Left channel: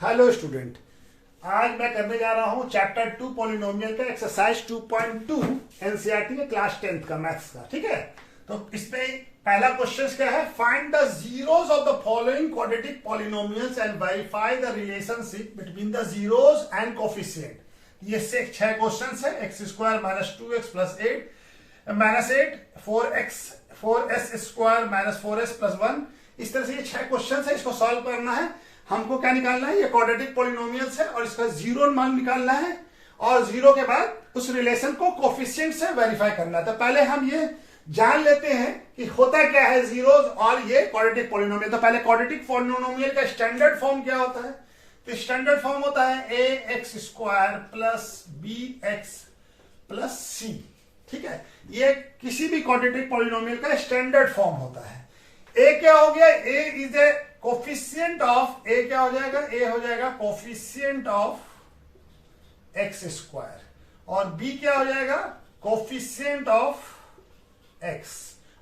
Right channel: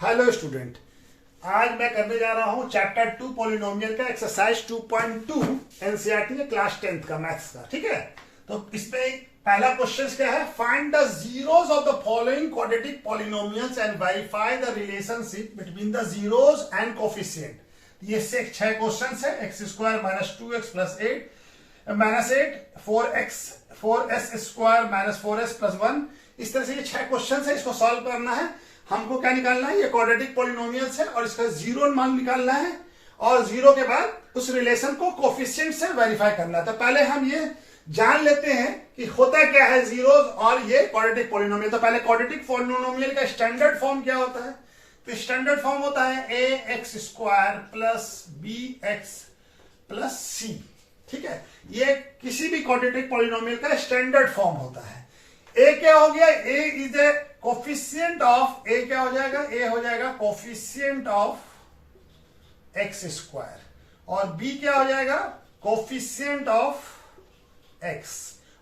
Hello student, आज मैं करने जा रहा हूं चैप्टर 2 पॉलिनोमियल का एक्सरसाइज 2.2 एनसीईआरटी के क्लास 10th का मैथ्स का। ठीक है, तो इसमें पहला क्वेश्चन क्या है, find the zeros of the following quadratic polynomials and verify the relationship between the zeros and coefficient. ये से 6 क्वेश्चन है। X square minus 2x plus 8 minus 8 4s square minus 4s plus 1। इस तरह से ये 6 क्वेश्चन है, इसको सॉल्व करना है। हमको क्या निकालना है, ये क्वाड्रेटिक पॉलिनोमियल्स है और इसका जीरो मान निकालना है और जीरो के बाद उस रिलेशन को कोफिशिएंट से वेरीफाई करना है। तो पहले हम ये जान लेते हैं कि होता क्या है जीरोस और ये क्वाड्रेटिक पॉलिनोमियल। तो पहले क्वाड्रेटिक पॉलिनोमियल का स्टैंडर्ड फॉर्म क्या होता है, तो स्टैंडर्ड फॉर्म होता है ax square plus bx plus c। ठीक है, ये किसी भी क्वाड्रेटिक पॉलिनोमियल का स्टैंडर्ड फॉर्म होता है। a क्या हो गया, a is a coefficient of, a क्या हो जाएगा, a हो जाएगा कोफिशिएंट ऑफ एक्स स्क्वायर और b क्या हो जाएगा, कोफिशिएंट ऑफ x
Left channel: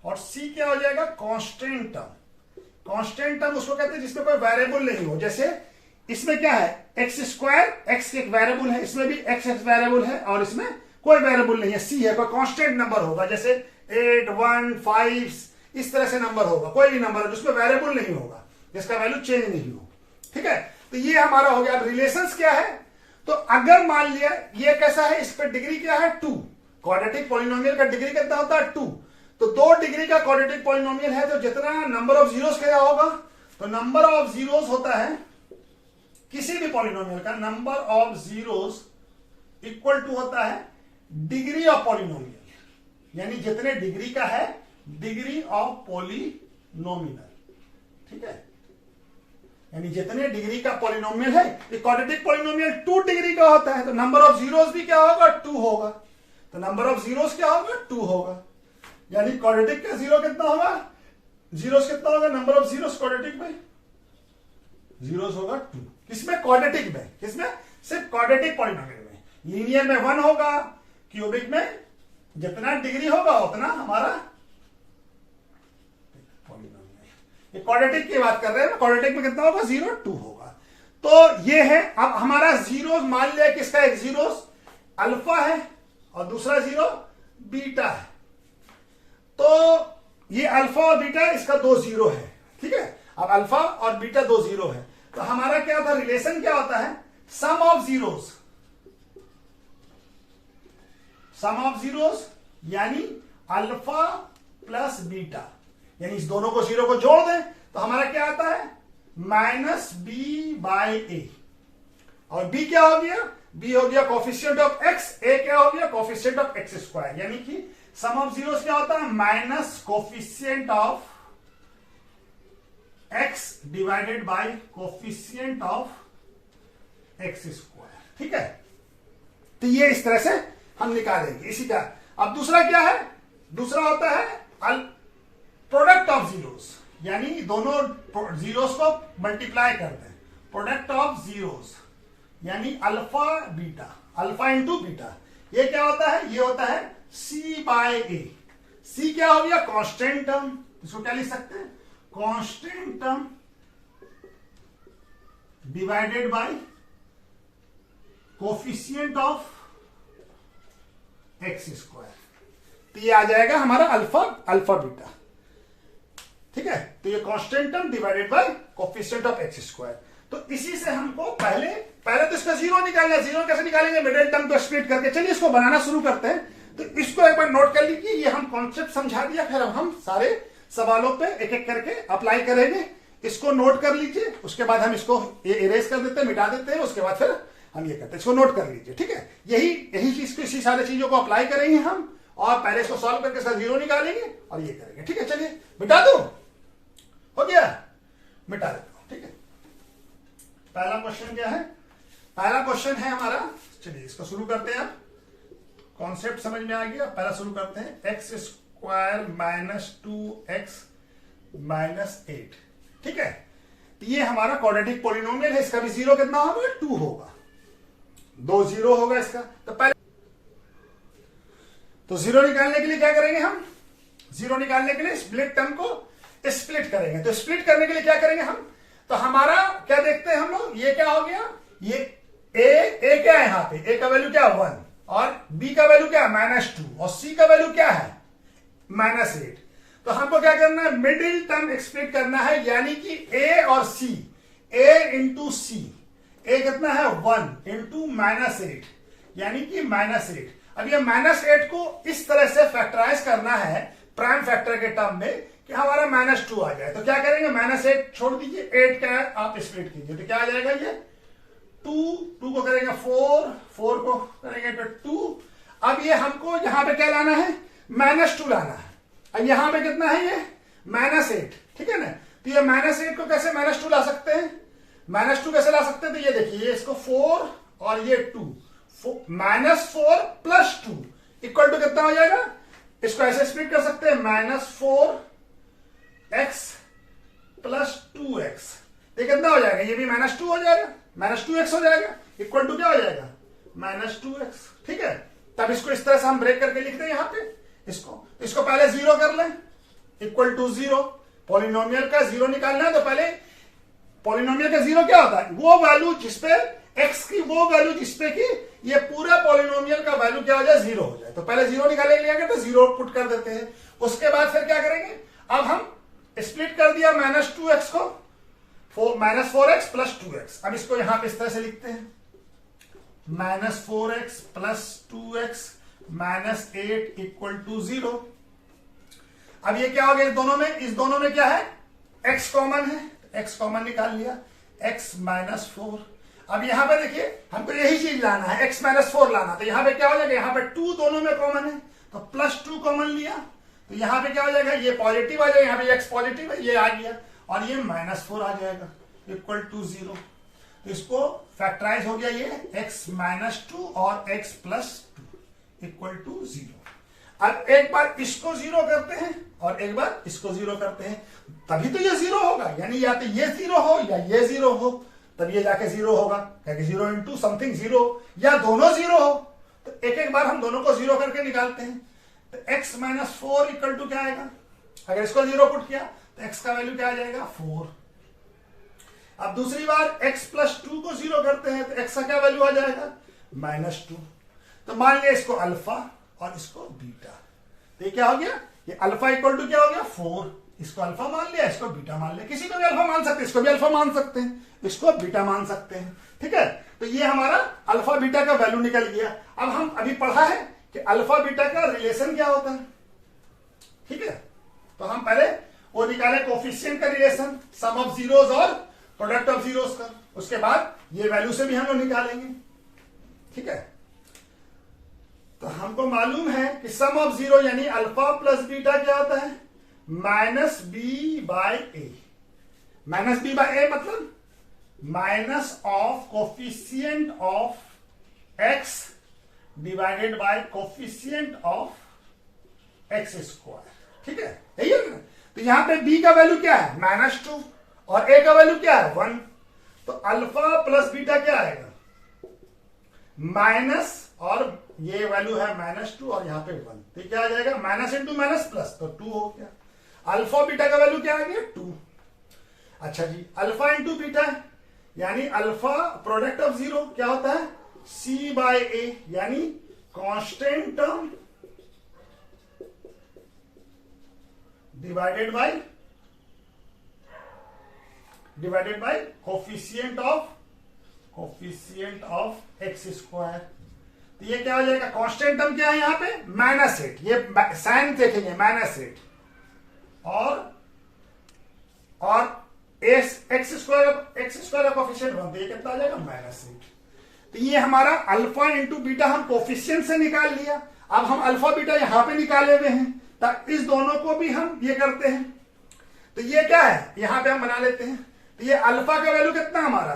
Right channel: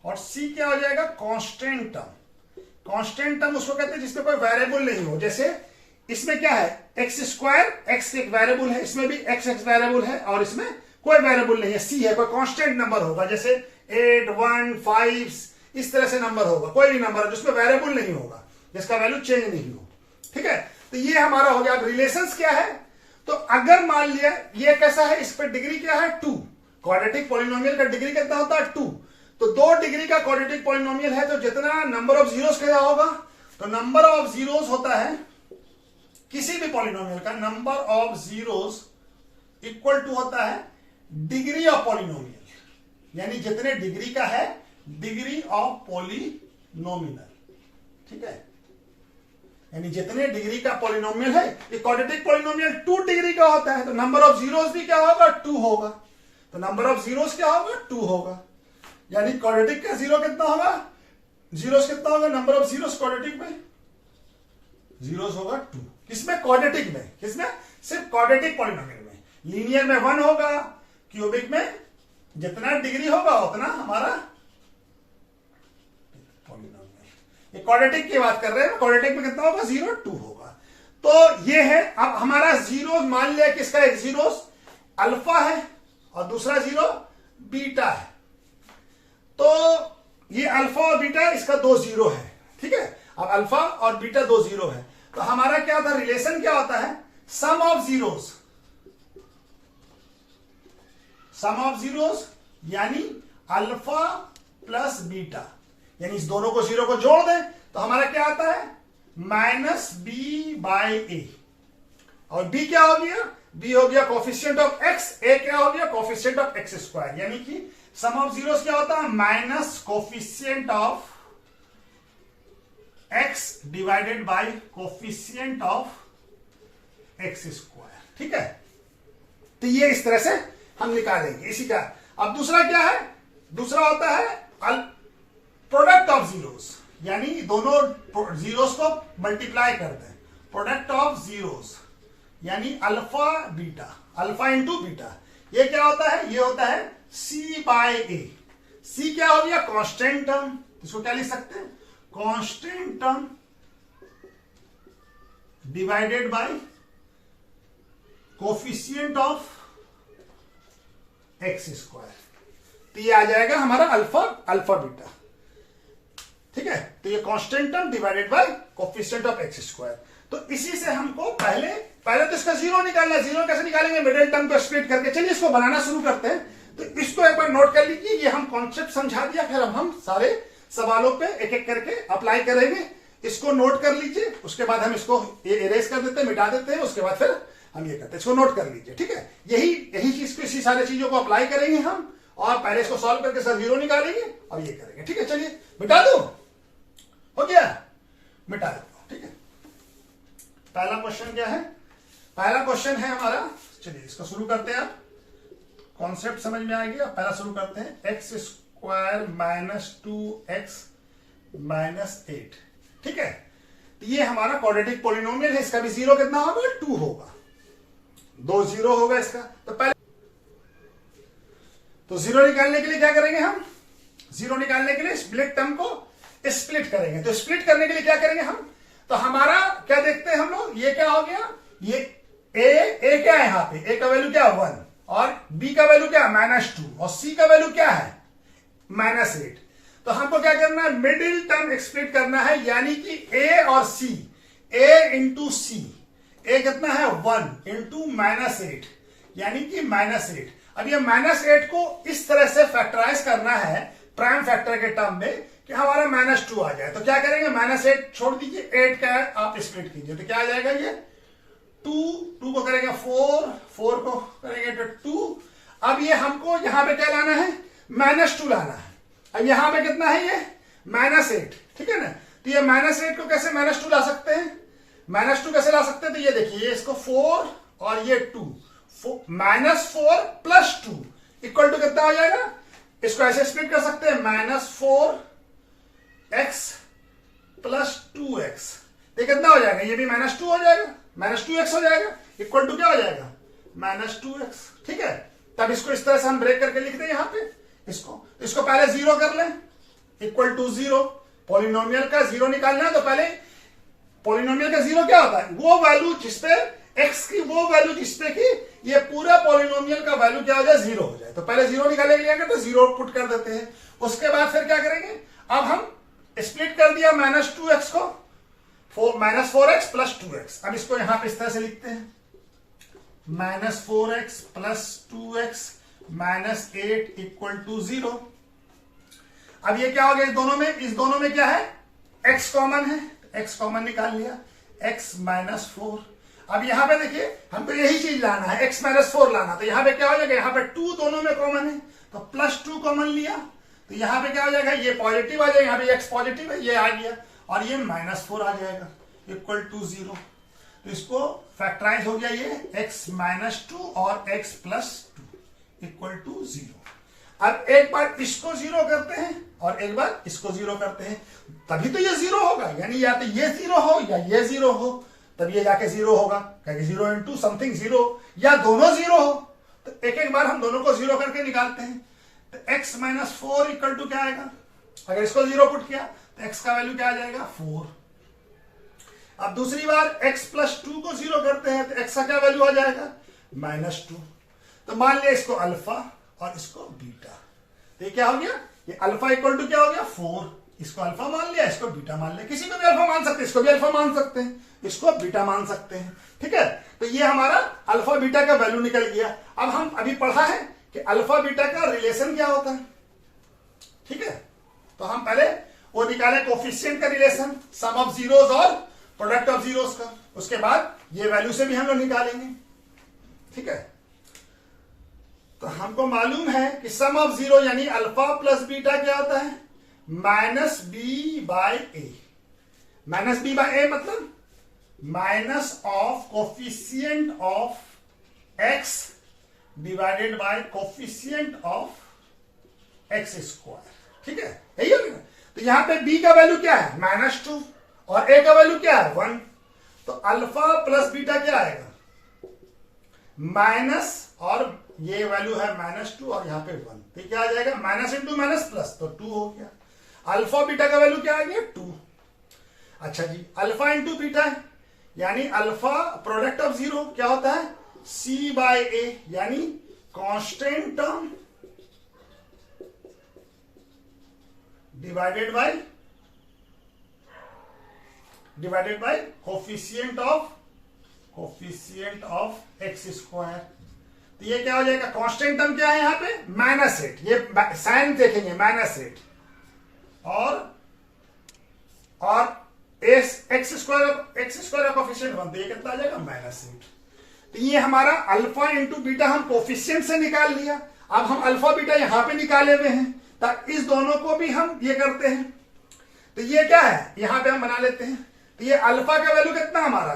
और c क्या हो जाएगा, कांस्टेंट टर्म। कांस्टेंट टर्म उसको कहते हैं जिसमें कोई वेरिएबल नहीं हो। जैसे इसमें क्या है, एक्स स्क्वायर, एक्स एक वेरिएबल है, इसमें भी एक्स वेरिएबल है और इसमें कोई वेरिएबल नहीं है, c है, कोई कांस्टेंट नंबर होगा। जैसे 8 1 5 इस तरह से नंबर होगा, कोई भी नंबर है जिसमें वेरिएबल नहीं होगा, जिसका वैल्यू चेंज नहीं हो। ठीक है, तो ये हमारा हो गया। रिलेशंस क्या है, तो अगर मान लिया ये कैसा है, इस पर डिग्री क्या है 2, क्वाड्रेटिक पॉलिनोमियल का डिग्री कितना होता है 2। तो 2 डिग्री का क्वाड्रेटिक पॉलिनोमियल है, तो जितना नंबर ऑफ जीरोस क्या होगा, तो नंबर ऑफ जीरोस होता है किसी भी पॉलिनोमियल का number of zeros equal to होता है डिग्री ऑफ पॉलिनोमियल, यानी जितने डिग्री का है डिग्री ऑफ पॉलिनोमियल। ठीक है, यानी जितने डिग्री का पॉलिनोमियल है, ये क्वाड्रेटिक पॉलिनोमियल 2 डिग्री का होता है, तो नंबर ऑफ जीरोस भी क्या होगा 2 होगा। तो नंबर ऑफ जीरोस क्या होगा 2 होगा, यानी क्वाड्रेटिक का जीरो कितना होगा, जीरोस कितना होगा, नंबर ऑफ जीरोस क्वाड्रेटिक में जीरोस होगा 2। किसमें, क्वाड्रेटिक में, किसमें, सिर्फ क्वाड्रेटिक पॉलिनोमियल में। लीनियर में 1 होगा, क्यूबिक में जितना डिग्री होगा उतना हमारा पॉलिनोमियल। ये क्वाड्रेटिक की बात कर रहे हैं, क्वाड्रेटिक में कितना होगा 0 2 होगा। तो ये है। अब हमारा जीरो मान लिया कि इसका एक जीरो अल्फा है और दूसरा जीरो बीटा है। तो ये अल्फा और बीटा, इसका 2 जीरो है। ठीक है, अब अल्फा और बीटा 2 जीरो है, तो हमारा क्या होता है, रिलेशन क्या होता है, sum of zeros, sum of zeros यानी अल्फा प्लस बीटा, यानी इस दोनों को जीरो को जोड़ दें तो हमारा क्या आता है माइनस बी बाई ए। और बी क्या हो गया, बी हो गया कोफिशिएंट ऑफ एक्स, ए क्या हो गया कोफिशिएंट ऑफ एक्स स्क्वायर, यानी कि सम ऑफ जीरोस क्या होता है minus coefficient of x divided by coefficient of x square. ठीक है, तो ये इस तरह से हम निकालेंगे इसी का। अब दूसरा क्या है, दूसरा होता है प्रोडक्ट ऑफ जीरोस, यानी दोनों जीरोस को मल्टीप्लाई करते हैं। प्रोडक्ट ऑफ जीरोस यानी alpha beta, alpha into beta, ये क्या होता है, ये होता है सी बाय ए। सी क्या हो गया, कांस्टेंट टर्म, इसको क्या लिख सकते हैं, constant term divided by coefficient of x square. तो ये आ जाएगा हमारा अल्फा, अल्फा बीटा। ठीक है, तो ये constant term divided by coefficient of x square. तो इसी से हमको पहले तो इसका जीरो निकालना है। जीरो कैसे निकालेंगे, मिडिल टर्म को स्प्लिट करके। चलिए इसको बनाना शुरू करते हैं। तो इसको एक बार नोट कर लीजिए, ये हम कॉन्सेप्ट समझा दिया, फिर अब हम सारे सवालों पे एक एक करके अप्लाई करेंगे। इसको नोट कर लीजिए, उसके बाद हम इसको इरेज कर देते हैं, मिटा देते हैं, उसके बाद फिर हम ये करते हैं। इसको नोट कर लीजिए। ठीक है, यही चीज, इसी सारी चीजों को अप्लाई करेंगे हम, और पहले इसको सॉल्व करके सर जीरो निकालेंगे और ये करेंगे। ठीक है, चलिए मिटा दो, हो गया, मिटा देता हूं। ठीक है, पहला क्वेश्चन क्या है, पहला क्वेश्चन है हमारा, चलिए इसको शुरू करते हैं। आप कॉन्सेप्ट समझ में आ गया, पहला शुरू करते हैं, x square minus 2x minus 8। ठीक है, तो ये हमारा क्वाड्रेटिक पॉलिनोमियल है, इसका भी जीरो कितना होगा 2 होगा, 2 जीरो होगा इसका। तो पहले तो जीरो निकालने के लिए क्या करेंगे हम, जीरो निकालने के लिए स्प्लिट टर्म को स्प्लिट करेंगे। तो स्प्लिट करने के लिए क्या करेंगे हम, तो हमारा क्या देखते हैं हम लोग, ये क्या हो गया, ये ए क्या है यहाँ पे, ए का वैल्यू क्या है 1 और बी का वैल्यू क्या है -2 और सी का वैल्यू क्या है -8। तो हमको क्या करना है, मिडिल टर्म एक्सप्लेट करना है, यानी कि ए और सी, ए इंटू सी, ए कितना है 1 इंटू -8 यानी कि -8। अब ये -8 को इस तरह से फैक्टराइज करना है प्राइम फैक्टर के टर्म में कि हमारा -2 आ जाए। तो क्या करेंगे, -8 छोड़ दीजिए, 8 का आप स्प्लिट कीजिए तो क्या आ जाएगा, ये 2 को करेंगे 4 को करेंगे तो 2। अब ये हमको यहां पे क्या लाना है, -2 लाना है। अब यहां पे कितना है, ये -8, ठीक है ना। तो ये -8 को कैसे -2 ला सकते हैं, -2 कैसे ला सकते हैं, तो ये देखिए इसको 4 और ये 2, -4 + 2 इक्वल टू कितना हो जाएगा, इसको ऐसे स्प्लिट कर सकते हैं -4x + 2x। ये कितना हो जाएगा, ये भी -2 हो जाएगा, -2x हो जाएगा, इक्वल टू क्या हो जाएगा -2x, ठीक है। तब इसको इस तरह से हम ब्रेक करके लिखते हैं यहां पे, इसको पहले 0 कर लें, इक्वल टू 0। पॉलिनोमियल का 0 निकालना है तो पहले पॉलिनोमियल का 0 क्या होता है, वो वैल्यू जिसपे x की वो वैल्यू जिसपे कि ये पूरा पॉलिनोमियल का वैल्यू क्या हो जाए 0 हो जाए। तो पहले 0 निकाले लिया तो 0 पुट कर देते हैं। उसके बाद फिर क्या करेंगे, अब हम स्प्लिट कर दिया -2x को, -4x + 2x। अब इसको यहां पे इस तरह से लिखते हैं, -4x + 2x -8 = 0। अब ये क्या हो गया, इस दोनों में क्या है, x कॉमन है, x कॉमन निकाल लिया, x -4। अब यहां पे देखिए हमको यही चीज लाना है, x -4 लाना। तो यहां पे क्या हो जाएगा, यहां पे 2 दोनों में कॉमन है तो +2 कॉमन लिया, तो यहां पे क्या हो जाएगा, ये पॉजिटिव आ जाएगा, यहां पे x पॉजिटिव है, ये आ गया और ये -4 आ जाएगा = 0। तो इसको फैक्टराइज हो गया, ये x -2 और x + 2 = 0। अब एक बार इसको 0 करते हैं और एक बार इसको 0 करते हैं, तभी तो ये 0 होगा, यानी या तो ये 0 हो या ये 0 हो, तब ये जाके 0 होगा, क्योंकि 0 इंटू समथिंग 0, या दोनों 0 हो। तो एक बार हम दोनों को 0 करके निकालते हैं। तो x -4 = क्या आएगा, अगर इसको 0 पुट किया तो x का वैल्यू क्या आ जाएगा 4। अब दूसरी बार x + 2 को 0 करते हैं तो x का क्या वैल्यू आ जाएगा -2। तो मान लिया इसको अल्फा और इसको बीटा, तो ये क्या हो गया, ये अल्फा = क्या हो गया 4, इसको अल्फा मान लिया, इसको बीटा मान लिया, किसी को भी अल्फा मान सकते हैं, इसको भी अल्फा मान सकते हैं, इसको बीटा मान सकते हैं, ठीक है। तो ये हमारा अल्फा बीटा का वैल्यू निकल गया। अब हम अभी पढ़ा है कि अल्फा बीटा का रिलेशन क्या होता है, ठीक है। तो हम पहले वो निकाले कोफिशिएंट का रिलेशन, सम ऑफ जीरोस और प्रोडक्ट ऑफ जीरोस का, उसके बाद ये वैल्यू से भी हम लोग निकालेंगे, ठीक है। तो हमको मालूम है कि सम ऑफ जीरो यानी अल्फा + बीटा क्या होता है, -b/a। -b/a मतलब minus of coefficient of x divided by coefficient of x², ठीक है, यही है ना। तो यहां पे b का वैल्यू क्या है -2 और a का वैल्यू क्या है 1। तो अल्फा + बीटा क्या आएगा, माइनस और ये वैल्यू है -2 और यहां पे 1, तो क्या आ जाएगा माइनस इंटू माइनस प्लस, तो 2 हो गया। अल्फा बीटा का वैल्यू क्या आ गया 2। अच्छा जी, अल्फा इंटू बीटा है यानी अल्फा प्रोडक्ट ऑफ जीरो क्या होता है c/a, यानी constant term divided by coefficient of x²। तो ये क्या हो जाएगा, कांस्टेंट टर्म क्या है यहाँ पे -8, ये साइन देखेंगे -8 और x² का कोफिशिएंट 1, तो ये कितना आ जाएगा -8। तो ये हमारा अल्फा इंटू बीटा हम कोफिशिएंट से निकाल लिया। अब हम अल्फा बीटा यहां पे निकाले हुए हैं, तो इस दोनों को भी हम ये करते हैं। तो ये क्या है, यहां पे हम बना लेते हैं। तो ये अल्फा का वैल्यू कितना हमारा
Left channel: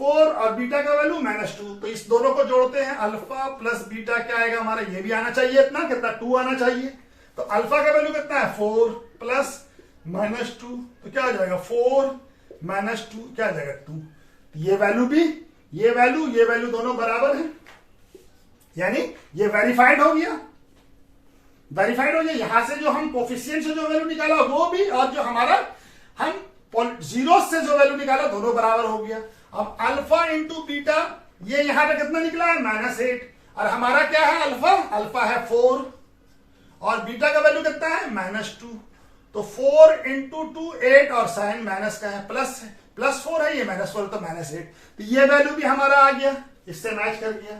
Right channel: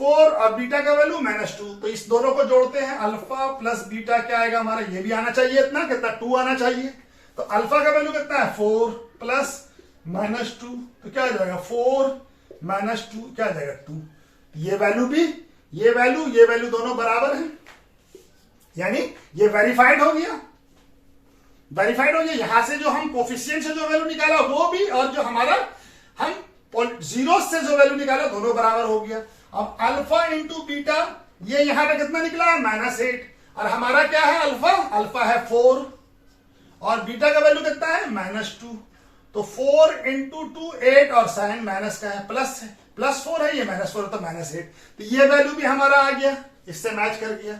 4 और बीटा का वैल्यू -2, तो इस दोनों को जोड़ते हैं, अल्फा + बीटा क्या आएगा हमारा, ये भी आना चाहिए इतना, कितना 2 आना चाहिए। तो अल्फा का वैल्यू कितना है 4 + -2, तो क्या आ जाएगा 4 - 2 क्या आ जाएगा 2। ये वैल्यू दोनों बराबर है, यानी ये वेरीफाइड हो गया। यहां से जो हम कोफिशिएंट से जो वैल्यू निकाला वो भी, और जो हमारा हम जीरो से जो वैल्यू निकाला दोनों बराबर हो गया। अब अल्फा इंटू बीटा, ये यहां पे कितना निकला है -8, और हमारा क्या है अल्फा, अल्फा है 4 और बीटा का वैल्यू कितना है -2, तो 4 इंटू 2 8 और साइन माइनस का है प्लस है, +4 है, ये -4 तो -8, तो ये वैल्यू भी हमारा आ गया, इससे मैच कर गया,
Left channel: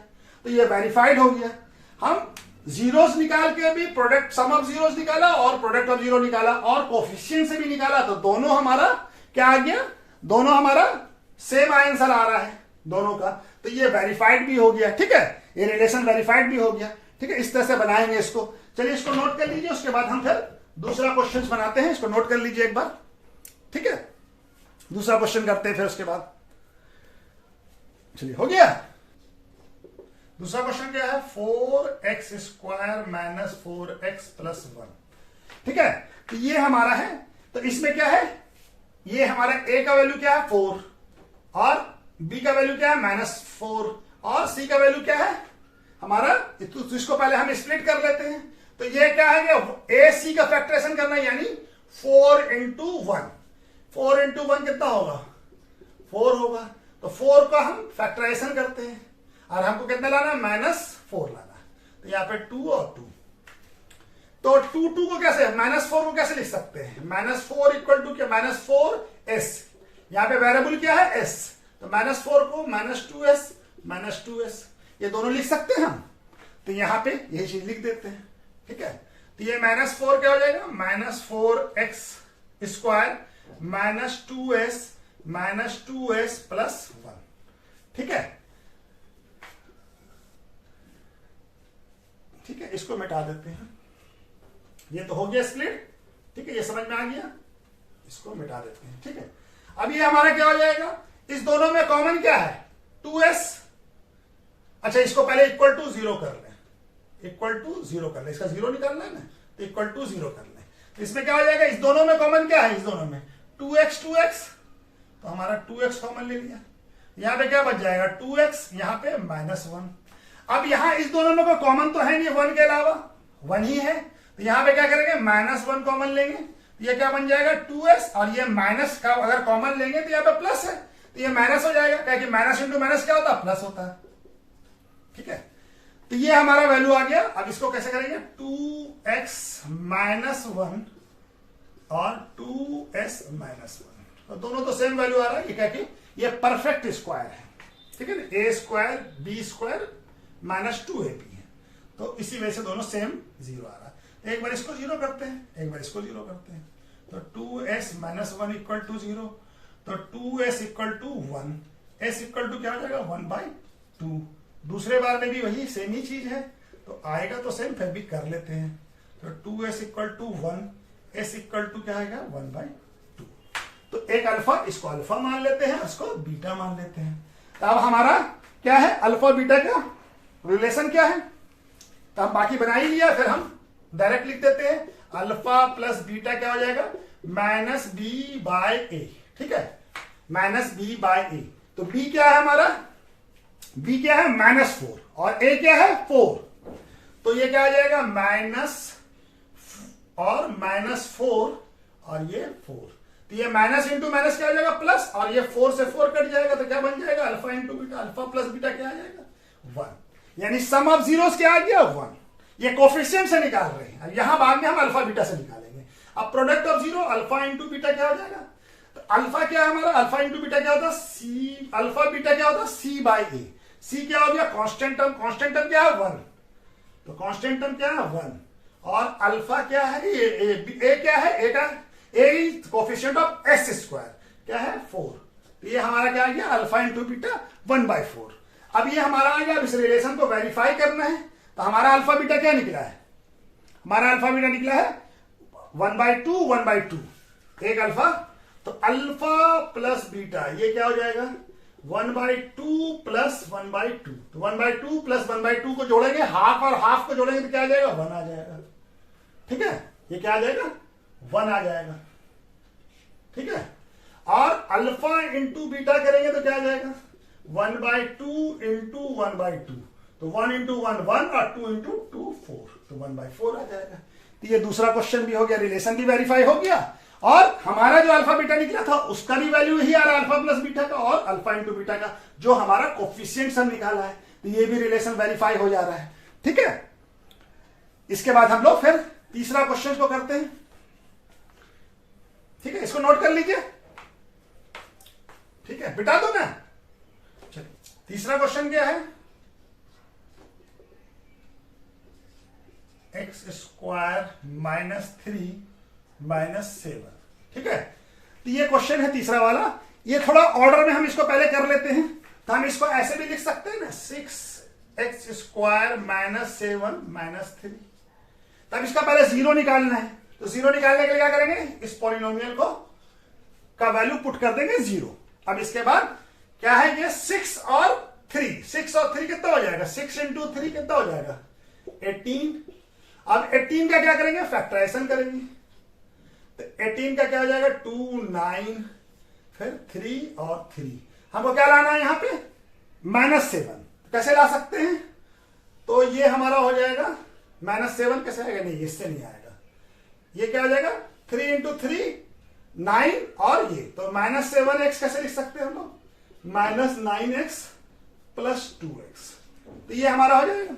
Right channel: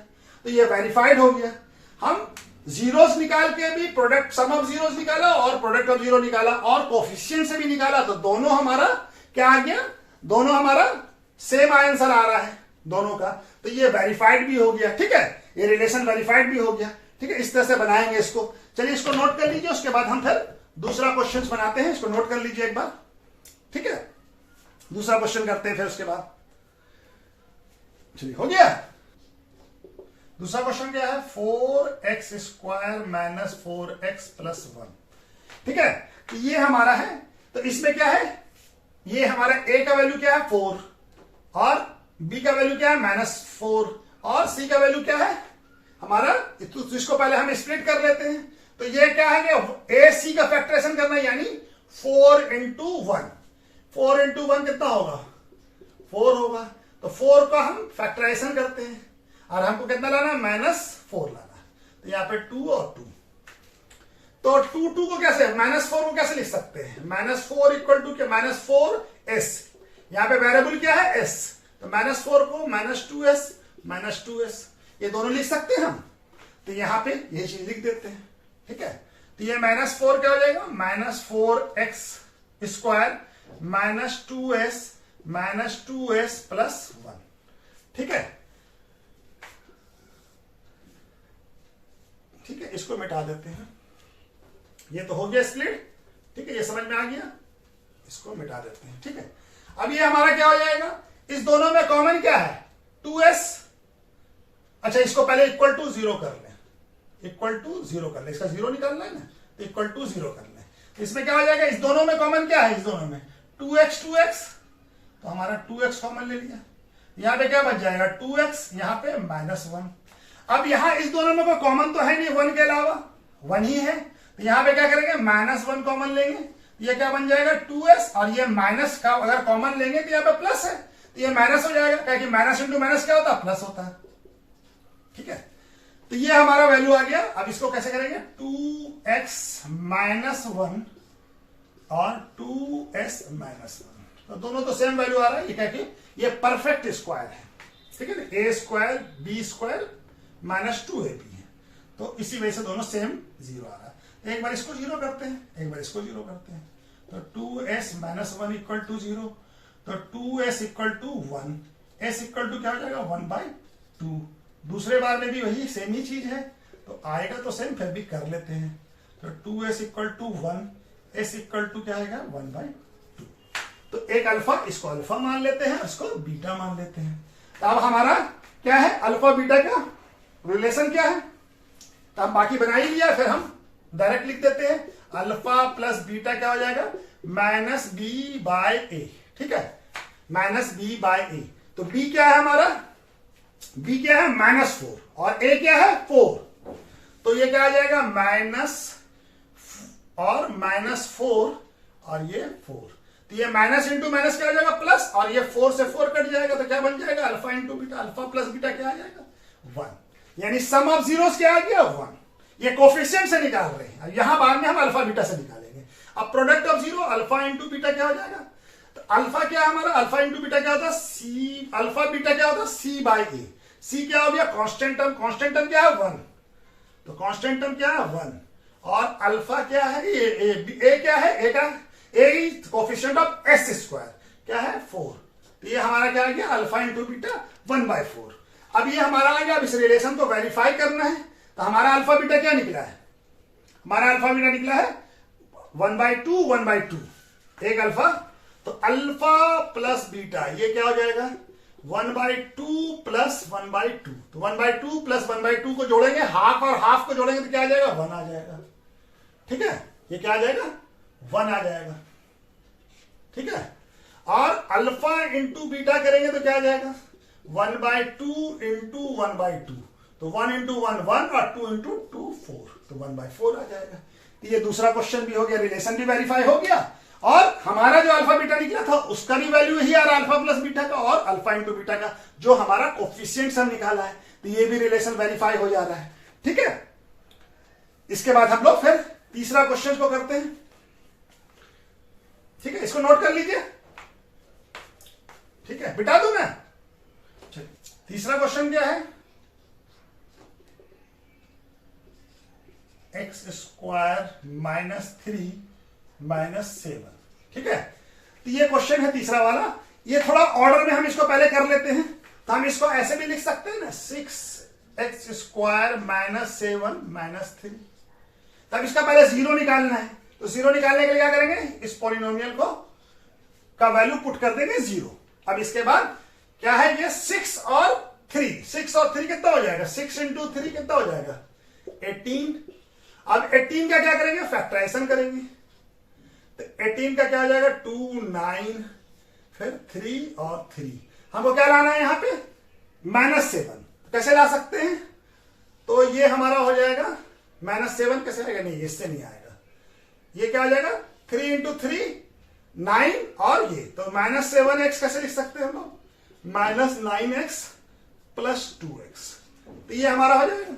तो ये वेरीफाइड हो गया। हम जीरोस निकाल के भी प्रोडक्ट सम ऑफ जीरोस निकाला और प्रोडक्ट ऑफ जीरो निकाला और कोफिशिएंट से भी निकाला, तो दोनों हमारा क्या आ गया, दोनों हमारा सेम आंसर आ रहा है दोनों का, तो ये वेरीफाइड भी हो गया। ठीक है, ये रिलेशन वेरीफाइड भी हो गया। ठीक है, इस तरह से बनाएंगे इसको। चलिए इसको नोट कर लीजिए, उसके बाद हम फिर दूसरा क्वेश्चन बनाते हैं। इसको नोट कर लीजिए एक बार। ठीक है, दूसरा क्वेश्चन करते हैं फिर उसके बाद। चलिए हो गया। दूसरा क्वेश्चन क्या है, 4x² - 4x + 1। ठीक है, तो ये हमारा है, तो इसमें क्या है, ये हमारा a का वैल्यू क्या है 4 और b का वैल्यू क्या है -4 और c का वैल्यू क्या है हमारा, तो इसको पहले हम स्प्लिट कर लेते हैं। तो ये क्या है कि a c का फैक्टराइजेशन करना, यानी 4 इंटू 1, 4 इंटू 1 कितना होगा 4 होगा, तो 4 का हम फैक्टराइजेशन करते हैं और हमको कितना लाना है -4 लाना है, तो यहाँ पे 2 और 2, तो 2 को कैसे -4 को कैसे लिख सकते हैं, -4 इक्वल टू क्या -4s, यहाँ पे वेरिएबल क्या है s, तो -4 को -2s ये दोनों लिख सकते हैं हम, तो यहाँ पे ये चीज लिख देते हैं। ठीक है, तो ये -4 क्या हो जाएगा -4x² -2s + 1। ठीक है, ठीक है, इसको मिटा देते हैं, ये तो हो गया स्प्लिट। ठीक है, ये समझ में आ गया, इसको मिटा देते हैं। ठीक है, अब ये हमारा क्या हो जाएगा, इस दोनों में कॉमन क्या है 2s, अच्छा इसको पहले इक्वल टू 0 कर लें, इक्वल टू 0 कर लें, इसका 0 निकालना है ना, तो इक्वल टू 0 कर लें, तो इसमें क्या हो जाएगा, इस दोनों में कॉमन क्या है, इस दोनों में 2x, तो हमारा 2x कॉमन ले लिया, यहां पे क्या बच जाएगा 2x, यहां पे -1। अब यहां इस दोनों में कोई कॉमन तो है नहीं 1 के अलावा, 1 ही है, तो यहां पे क्या करेंगे -1 कॉमन लेंगे, ये क्या बन जाएगा 2s, और ये माइनस का अगर कॉमन लेंगे तो यहाँ पे प्लस है, तो ये माइनस हो जाएगा, क्या कि माइनस इंटू माइनस क्या होता है प्लस होता है। ठीक है, तो ये हमारा वैल्यू आ गया। अब इसको कैसे करेंगे, 2x -1 और 2s -1, तो दोनों तो सेम वैल्यू आ रहा है, ये क्या कि ये परफेक्ट स्क्वायर है। ठीक है ना, a² b² -2ab है, तो इसी वजह से दोनों सेम 0 आ रहा है। एक बार इसको 0 करते हैं, एक बार इसको 0 करते हैं, तो 2s -1 इक्वल टू 0, तो 2s equal to 1, s equal to क्या हो जाएगा 1/2। दूसरे बार में भी वही सेम ही चीज है, तो आएगा तो सेम, फिर भी कर लेते हैं, तो 2s equal to 1, s equal to क्या आएगा 1/2। तो एक अल्फा, इसको अल्फा मान लेते हैं, इसको बीटा मान लेते हैं। तो अब हमारा क्या है, अल्फा बीटा का रिलेशन क्या है, तो हम बाकी बना ही लिया, फिर हम डायरेक्ट लिख देते हैं, अल्फा प्लस बीटा क्या हो जाएगा -b/a। ठीक है, -b/a, तो b क्या है हमारा, b क्या है -4 और a क्या है 4, तो ये क्या आ जाएगा माइनस और -4 और ये 4, तो ये माइनस इंटू माइनस क्या हो जाएगा प्लस, और ये 4 से 4 कट जाएगा, तो क्या बन जाएगा alpha into beta, alpha plus beta क्या आ जाएगा 1, यानी सम ऑफ जीरोस क्या आ गया 1। ये कोफिशिएंट से निकाल रहे हैं, यहां बाद में हम अल्फा बीटा से निकालेंगे। अब product of zero alpha into beta क्या हो जाएगा, तो अल्फा क्या है हमारा, अल्फा इंटू बीटा क्या होता है सी, अल्फा बीटा क्या होता है c/a, c क्या हो गया कांस्टेंट टर्म, कांस्टेंट टर्म क्या है 1, तो कांस्टेंट टर्म क्या है 1, और अल्फा क्या है ये a क्या है, a का a कोफिशिएंट ऑफ s² क्या है 4, तो ये हमारा क्या आ गया अल्फा इंटू बीटा 1/4। अब ये हमारा आ गया, अब इस रिलेशन को वेरीफाई करना है, तो हमारा अल्फा बीटा क्या निकला है, हमारा अल्फा बीटा निकला है 1/2 एक अल्फा, तो अल्फा प्लस बीटा ये क्या हो जाएगा 1/2 प्लस 1/2, तो 1/2 प्लस 1/2 को जोड़ेंगे, हाफ और हाफ को जोड़ेंगे तो क्या आ जाएगा 1 आ जाएगा। ठीक है, ये क्या आ जाएगा 1 आ जाएगा। ठीक है, और अल्फा इंटू बीटा करेंगे तो क्या आ जाएगा 1/2 इंटू 1/2, तो 1 इंटू 1 1 और 2 इंटू 2 4, तो 1/4 आ जाएगा। तो ये दूसरा क्वेश्चन भी हो गया, रिलेशन भी वेरीफाई हो गया और हमारा जो अल्फा बीटा निकला था उसका भी वैल्यू यही आ रहा है, अल्फा प्लस बीटा का और अल्फा इंटू बीटा का जो हमारा कोफिशिएंट हम निकाला है, तो ये भी रिलेशन वेरीफाई हो जा रहा है। ठीक है, इसके बाद हम लोग फिर तीसरा क्वेश्चन को करते हैं। ठीक है, इसको नोट कर लीजिए। ठीक है, बिटा दो मैं। तीसरा क्वेश्चन क्या है, एक्स स्क्वायर माइनस 3 माइनस 7। ठीक है, तो ये क्वेश्चन है तीसरा वाला। ये थोड़ा ऑर्डर में हम इसको पहले कर लेते हैं, तो हम इसको ऐसे भी लिख सकते हैं ना, 6x स्क्वायर माइनस 7 माइनस 3। तब इसका पहले जीरो निकालना है, तो जीरो निकालने के लिए क्या करेंगे, इस पॉलिनोमियल को का वैल्यू पुट कर देंगे जीरो। अब इसके बाद क्या है, ये 6 और 3, 6 और 3 कितना हो जाएगा, 6 इंटू 3 कितना हो जाएगा 18। अब 18 का क्या करेंगे, फैक्टराइजेशन करेंगे, तो 18 का क्या हो जाएगा 2 9 फिर 3 और 3। हमको क्या लाना है यहां पे, -7। कैसे ला सकते हैं, तो ये हमारा हो जाएगा -7 कैसे आएगा, नहीं इससे नहीं आएगा, ये क्या हो जाएगा 3 इंटू 3 9 और ये तो -7x कैसे लिख सकते हैं हम लोग, -9x प्लस 2x। तो ये हमारा हो जाएगा।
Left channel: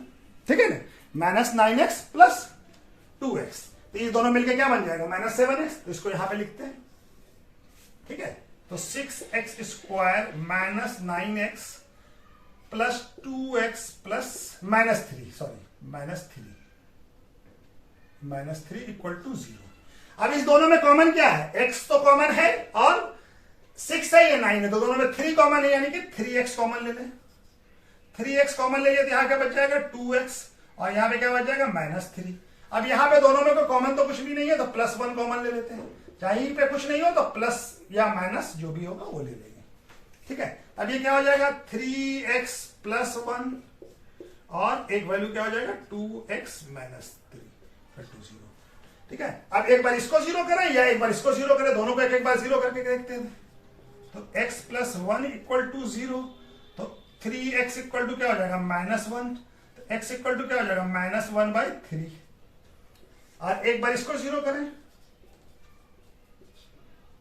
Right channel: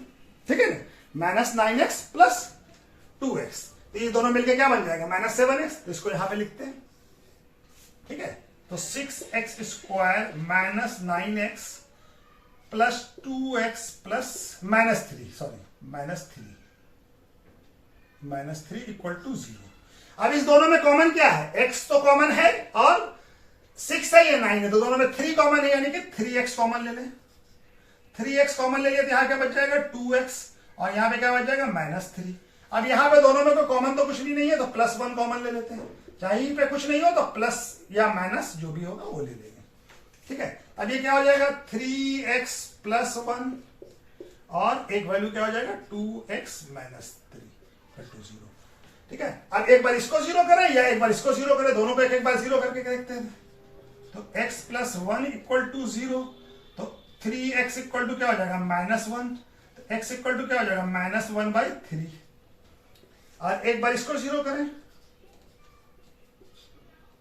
ठीक है ना, -9x प्लस 2x, तो ये दोनों मिलके क्या बन जाएगा -7x। तो इसको यहां पे लिखते हैं। ठीक है, तो 6x square minus 9x plus 2x plus -3 sorry -3 equal to 0। अब इस दोनों में कॉमन क्या है, x तो कॉमन है और 6 है, ये 9 है, तो दोनों में 3 कॉमन है, यानी कि 3x कॉमन ले लें। 3x कॉमन ले लिया तो यहां क्या बच जाएगा 2x और यहां पे क्या बच जाएगा -3। अब यहां पे दोनों में कोई कॉमन तो कुछ भी नहीं है, तो +1 कॉमन ले लेते हैं, चाहे यहीं पे कुछ नहीं हो तो प्लस या माइनस जो भी होगा वो ले लेंगे। ठीक है, अब ये क्या हो जाएगा 3x प्लस 1 और एक वैल्यू क्या हो जाएगा 2x माइनस 3 टू 0। ठीक है, अब एक बार इसको जीरो करें या एक बार इसको जीरो करें, दोनों को एक एक बार जीरो करके देखते हैं। तो x प्लस 1 इक्वल टू 0, तो 3x इक्वल टू क्या हो जाएगा -1, तो x इक्वल टू क्या हो जाएगा -1/3। और एक बार इसको जीरो करें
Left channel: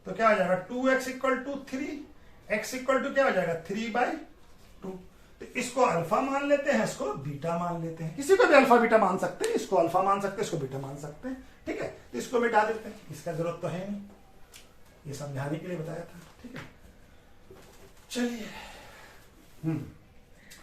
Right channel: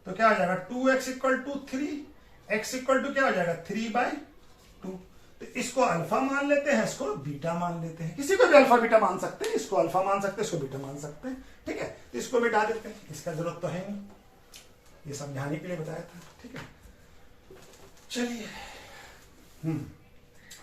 तो क्या हो जाएगा 2x equal to 3, x equal to क्या हो जाएगा 3/2। तो इसको अल्फा मान लेते हैं, इसको बीटा मान लेते हैं, किसी को भी अल्फा बीटा मान सकते हैं, इसको अल्फा मान सकते हैं, इसको बीटा मान सकते हैं। ठीक है, तो इसको मिटा देते हैं, इसका जरूरत तो है नहीं, ये समझाने के लिए बताया था। ठीक है, चलिए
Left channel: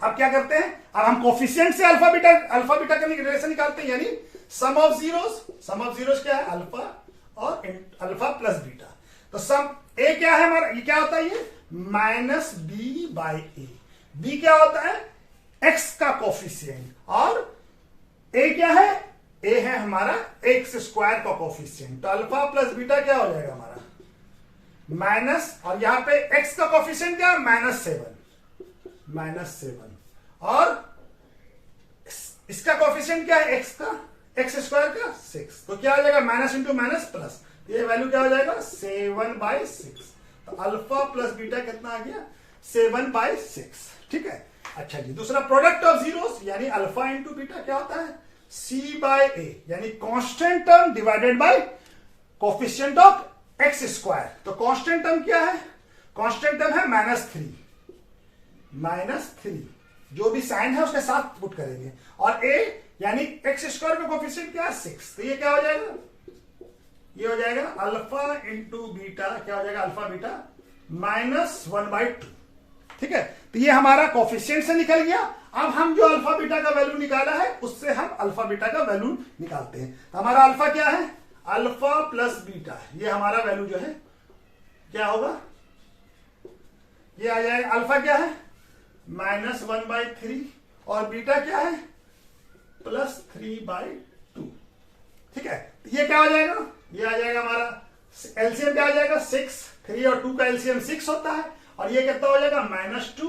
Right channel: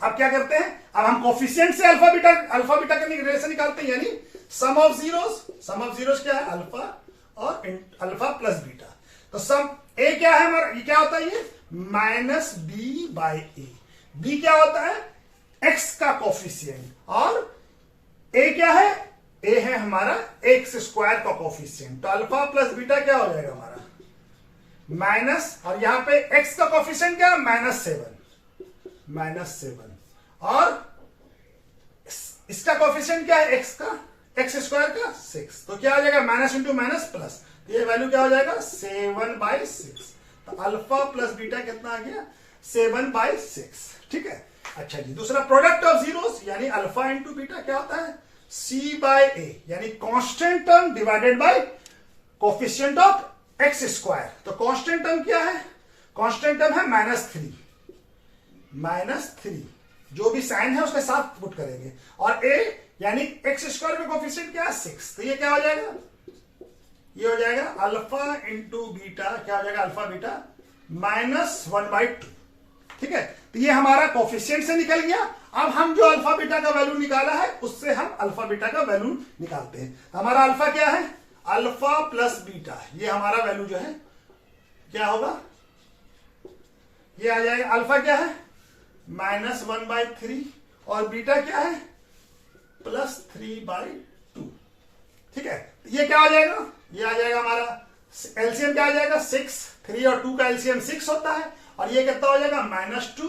अब क्या करते हैं, अब हम कोफिशिएंट से अल्फा बीटा का रिलेशन निकालते हैं, यानी सम ऑफ जीरोस क्या है अल्फा और अल्फा प्लस बीटा। तो सम ए क्या है हमारा, ये क्या होता है, ये -b/a। b क्या होता है x का कोफिशिएंट और a क्या है, a है हमारा x स्क्वायर का कोफिशिएंट। तो अल्फा प्लस बीटा क्या हो जाएगा हमारा माइनस, और यहां पे x का कोफिशिएंट क्या -7 और इसका कोफिशिएंट क्या है x का, x स्क्वायर का 6। तो क्या हो जाएगा माइनस इंटू माइनस प्लस, ये वैल्यू क्या हो जाएगा 7/6। तो अल्फा प्लस बीटा कितना आ गया 7/6। ठीक है, अच्छा जी, दूसरा प्रोडक्ट ऑफ जीरोस यानी अल्फा इंटू बीटा क्या होता है c/a, यानी constant term divided by coefficient of x square. तो कांस्टेंट टर्म क्या है, कांस्टेंट टर्म है -3, जो भी साइन है उसके साथ पुट करेंगे, और a यानी x स्क्वायर का कोफिशिएंट क्या है 6। तो ये क्या हो जाएगा, ये हो जाएगा अल्फा इंटू बीटा, क्या हो जाएगा अल्फा बीटा -1/2। ठीक है, तो ये हमारा कोफिशिएंट से निकल गया। अब हम जो अल्फा बीटा का वैल्यू निकाला है उससे हम अल्फा बीटा का वैल्यू निकालते हैं। तो हमारा अल्फा क्या है, अल्फा प्लस बीटा, ये हमारा वैल्यू जो है क्या होगा, ये आ जाएगा, अल्फा क्या है -1/3 और बीटा क्या है +3/2। ठीक है, ये क्या आ जाएगा, ये आ जाएगा हमारा एलसीएम क्या आ जाएगा 6, 3 और 2 का एलसीएम 6 होता है, और ये कितना हो जाएगा -2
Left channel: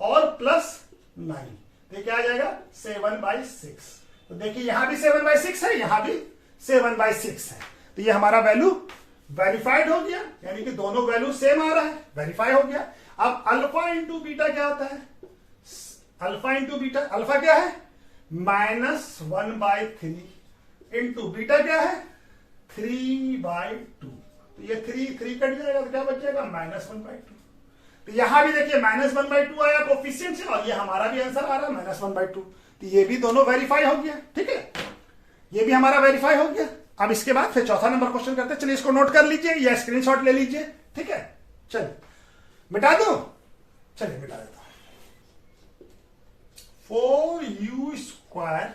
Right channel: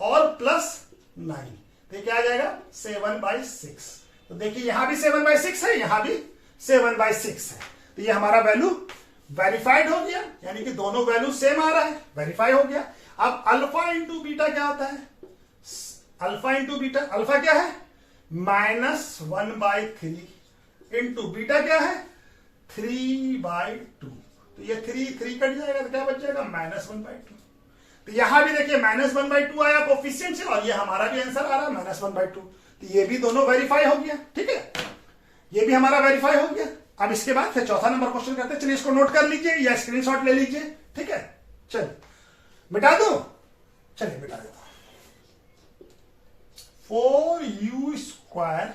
और +9, तो क्या आ जाएगा 7/6। तो देखिए यहां भी 7/6 है, यहां भी 7/6 है, तो ये हमारा वैल्यू वेरीफाइड हो गया, यानी कि दोनों वैल्यू सेम आ रहा है, वेरीफाई हो गया। अब अल्फा इंटू बीटा क्या होता है, अल्फा इंटू बीटा, अल्फा क्या है -1/3 इंटू बीटा क्या है 3/2। तो ये 3 कट जाएगा तो क्या बच जाएगा -1/2। तो यहां भी देखिए -1/2 आया कोफिशिएंट से, और ये हमारा भी आंसर आ रहा है -1/2। तो ये भी दोनों वेरीफाई हो गया। ठीक है, ये भी हमारा वेरीफाई हो गया। अब इसके बाद फिर चौथा नंबर क्वेश्चन करते हैं। चलिए इसको नोट कर लीजिए या स्क्रीनशॉट ले लीजिए। ठीक है, चलिए मिटा दो, चलिए मिटा देता हूं। 4u²,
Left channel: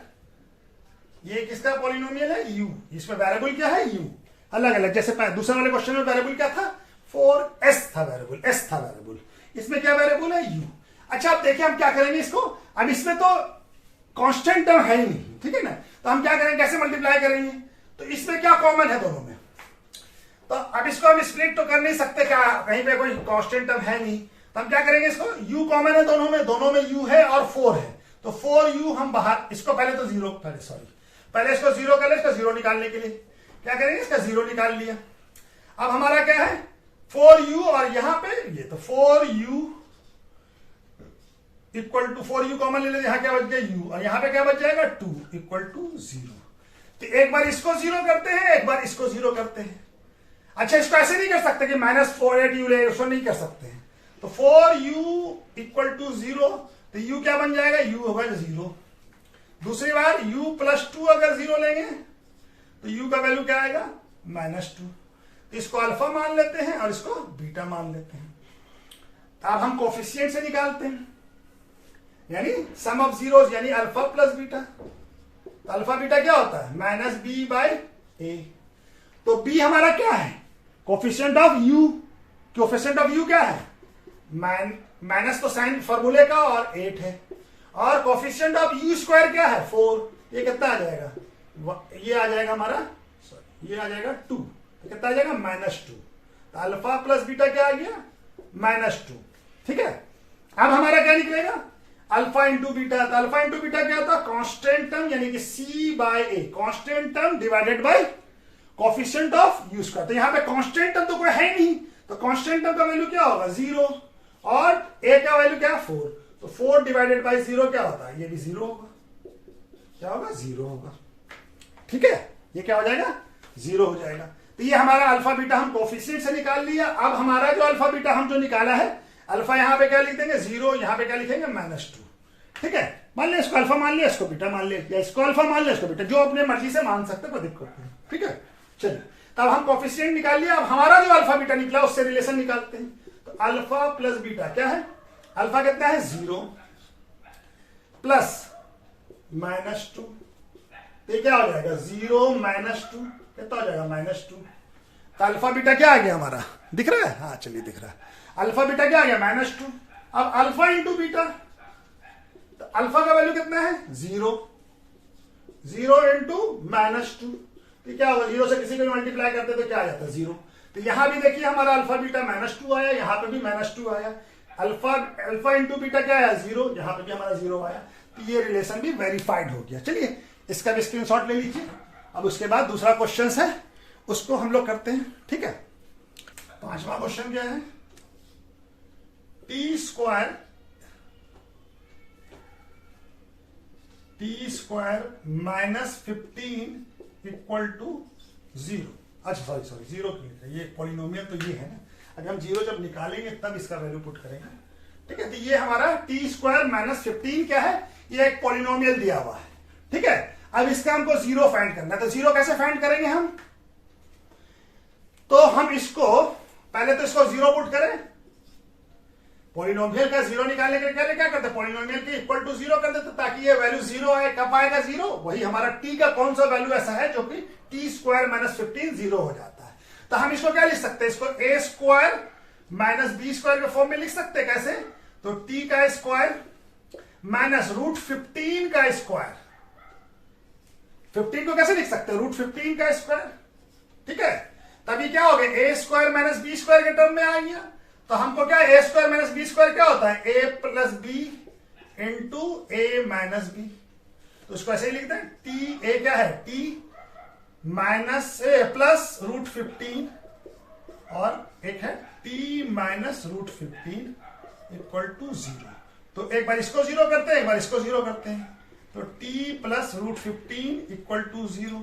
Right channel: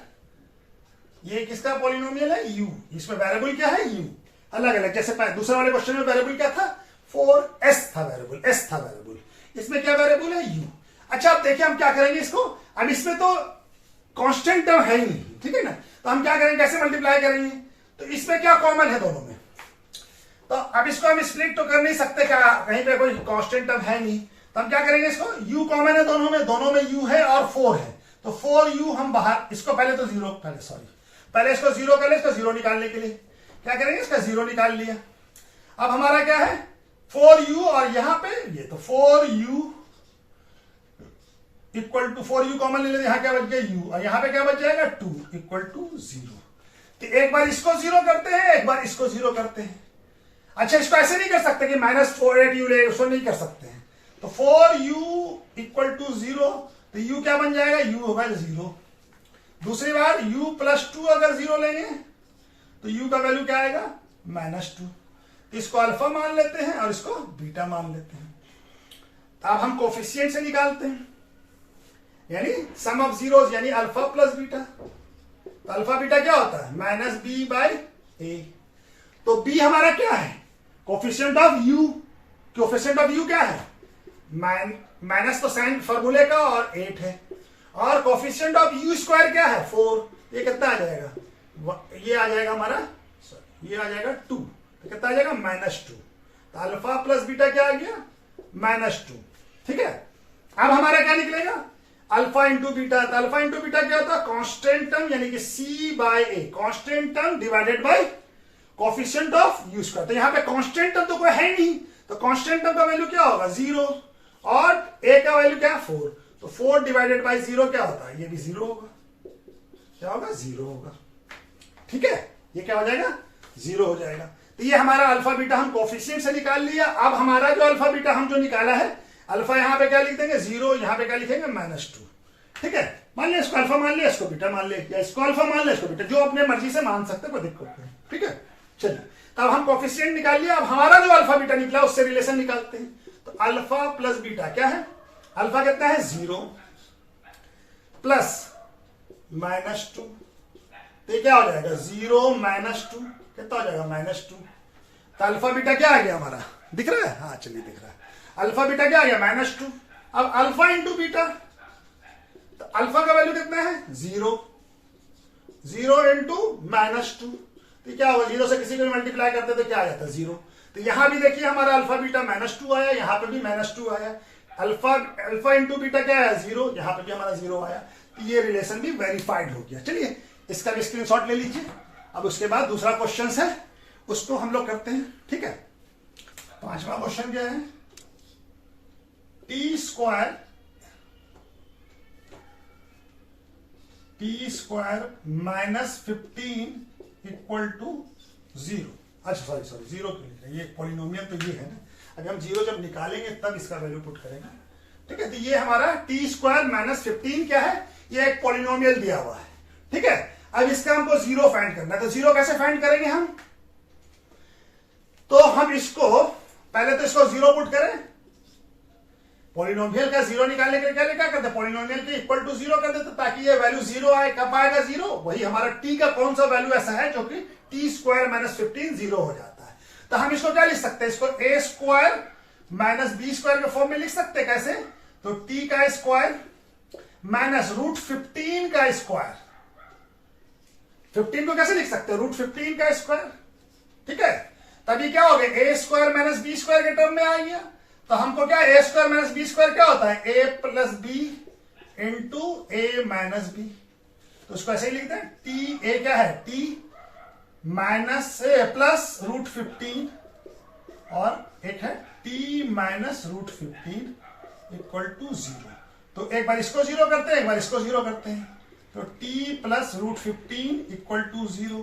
ये किसका पॉलिनोमियल है? u। इसमें वेरिएबल क्या है? u। अलग अलग, जैसे दूसरे वाले क्वेश्चन में वेरिएबल क्या था? 4s था वेरिएबल, s था वेरिएबल। इसमें क्या वेरिएबल है? u। अच्छा अब देखिए हम क्या करेंगे इसको। अब इसमें तो कांस्टेंट टर्म है ही नहीं, ठीक है ना, तो हम क्या करेंगे, कैसे मल्टीप्लाई करेंगे? तो इसमें क्या कॉमन है दोनों में? तो अब इसको हम स्प्लिट तो कर नहीं सकते, क्या कहीं पे कोई कांस्टेंट टर्म है नहीं, तो हम क्या करेंगे, इसको u कॉमन है दोनों में u है और 4 है, तो 4u हम बाहर, इसको पहले तो जीरो, पहले इसको जीरो कर ले, इसको जीरो निकालने के लिए क्या करेंगे, इसका जीरो निकाल लिया। अब हमारा क्या है 4u, और यहां पे ये तो 4u equal to 4u common ले लेते, यहां क्या बच गया u, और यहां पे क्या बच जाएगा 2 इक्वल टू 0। तो एक बार इसको जीरो करते हैं, एक बार इसको जीरो करते हैं। अच्छा इसको ऐसे नहीं कर सकते कि -4u ले, उसको नहीं कर सकते हैं। तो 4u इक्वल टू 0, तो u क्या बन जाएगा, u होगा 0। दूसरी बार u प्लस 2 अगर 0 लेंगे तो u का वैल्यू क्या आएगा, -2। तो इसको अल्फा मान लेते हैं और इसको बीटा मान लेते हैं। अब हम कोफिशिएंट से निकालते हैं, यानी सम ऑफ जीरोस, यानी अल्फा प्लस बीटा। तो अल्फा बीटा क्या होता है, -b/a। तो b हमारा क्या है, coefficient of u। Coefficient of u क्या है, माइनस तो साइन फॉर्मूले का और 8 है, और कोफिशिएंट ऑफ u² क्या है 4। ये कितना आ जाएगा, ये आ जाएगा हमारा, सॉरी ये आ जाएगा 2, तो कितना आ जाएगा -2। तो अल्फा प्लस बीटा क्या आ गया, -2। ठीक है, अब हमारा क्या निकलेगा, अल्फा इंटू बीटा। तो अल्फा इंटू बीटा क्या होता है, कांस्टेंट टर्म, यानी कि c/a, constant term divided by coefficient of u²। तो यहां पे कांस्टेंट टर्म तो कोई है नहीं, तो कांस्टेंट टर्म का वैल्यू क्या होगा 0, और a का वैल्यू क्या है 4। तो 4 डिवाइडेड बाय 0 क्या होता है, ये भी 0 होगा। क्या होगा, 0 होगा। ठीक है, ये क्या हो जाएगा, 0 हो जाएगा। तो ये हमारा अल्फा बीटा हम कोफिशिएंट से निकाल लिया। अब हमारा जो अल्फा बीटा हम जो निकाला है, अल्फा यहां पे क्या लिख देंगे 0, यहां पे क्या लिखेंगे -2। ठीक है, मान लिया इसको अल्फा मान लिया, इसको बीटा मान लिया, या इसको अल्फा मान लिया, इसको बीटा, जो अपने मर्जी से मान सकते, कोई दिक्कत नहीं। ठीक है, चलिए तब हम कोफिशिएंट निकाल लिया। अब हमारा जो अल्फा बीटा निकला उससे रिलेशन निकालते हैं। तो अल्फा प्लस बीटा क्या है, अल्फा कितना है 0 प्लस -2, तो क्या हो जाएगा 0 -2, कितना हो जाएगा -2। तो अल्फा बीटा क्या आ गया हमारा, दिख रहा है, हाँ चलिए दिख रहा है, अल्फा बीटा क्या आ गया -2। अब अल्फा इंटू बीटा, तो अल्फा का वैल्यू कितना है 0, 0 इंटू -2, तो क्या होगा, 0 से किसी को भी मल्टीप्लाई करते तो क्या आ जाता है 0। तो यहां भी देखिए हमारा अल्फा बीटा -2 आया, यहां पे भी -2 आया। अल्फा इंटू बीटा क्या आया 0, यहां पे भी हमारा 0 आया। तो ये रिलेशन भी वेरीफाइड हो गया। चलिए इसका भी स्क्रीनशॉट ले लीजिए। अब उसके बाद दूसरा क्वेश्चन है, उसको हम लोग करते हैं। ठीक है, पांचवा क्वेश्चन क्या है, t² -15 इक्वल टू 0। अच्छा सॉरी 0 की, ये पॉलिनोमियल तो ये है ना, अगर हम 0 जब निकालेंगे तब इसका वैल्यू पुट करेंगे। ठीक है, तो ये हमारा t² -15 क्या है, ये एक पॉलिनोमियल दिया हुआ है। ठीक है, अब इसका हमको 0 फाइंड करना है। तो 0 कैसे फाइंड करेंगे हम, तो हम इसको पहले तो इसको 0 पुट करें, पॉलिनोमियल का 0 निकालने के लिए क्या करते हैं, पॉलिनोमियल के इक्वल टू 0 कर देते, ताकि ये वैल्यू 0 आए। कब आएगा 0, वही हमारा t का कौन सा वैल्यू ऐसा है जो कि t² -15 0 हो जाता है। तो हम इसको क्या लिख सकते हैं, इसको a² -b² के फॉर्म में लिख सकते हैं। कैसे, तो t का स्क्वायर माइनस √15 का स्क्वायर, 15 को कैसे लिख सकते हैं, √15 का स्क्वायर। ठीक है, तभी क्या हो गया, a² -b² के टर्म में आ गया। तो हमको क्या, a² -b² क्या होता है, a + b into a - b। तो उसको ऐसे ही लिखते हैं, t a क्या है, t माइनस प्लस √15 और एक है t माइनस √15 इक्वल टू 0। तो एक बार इसको 0 करते हैं, एक बार इसको 0 करते हैं। तो t प्लस √15 इक्वल टू 0।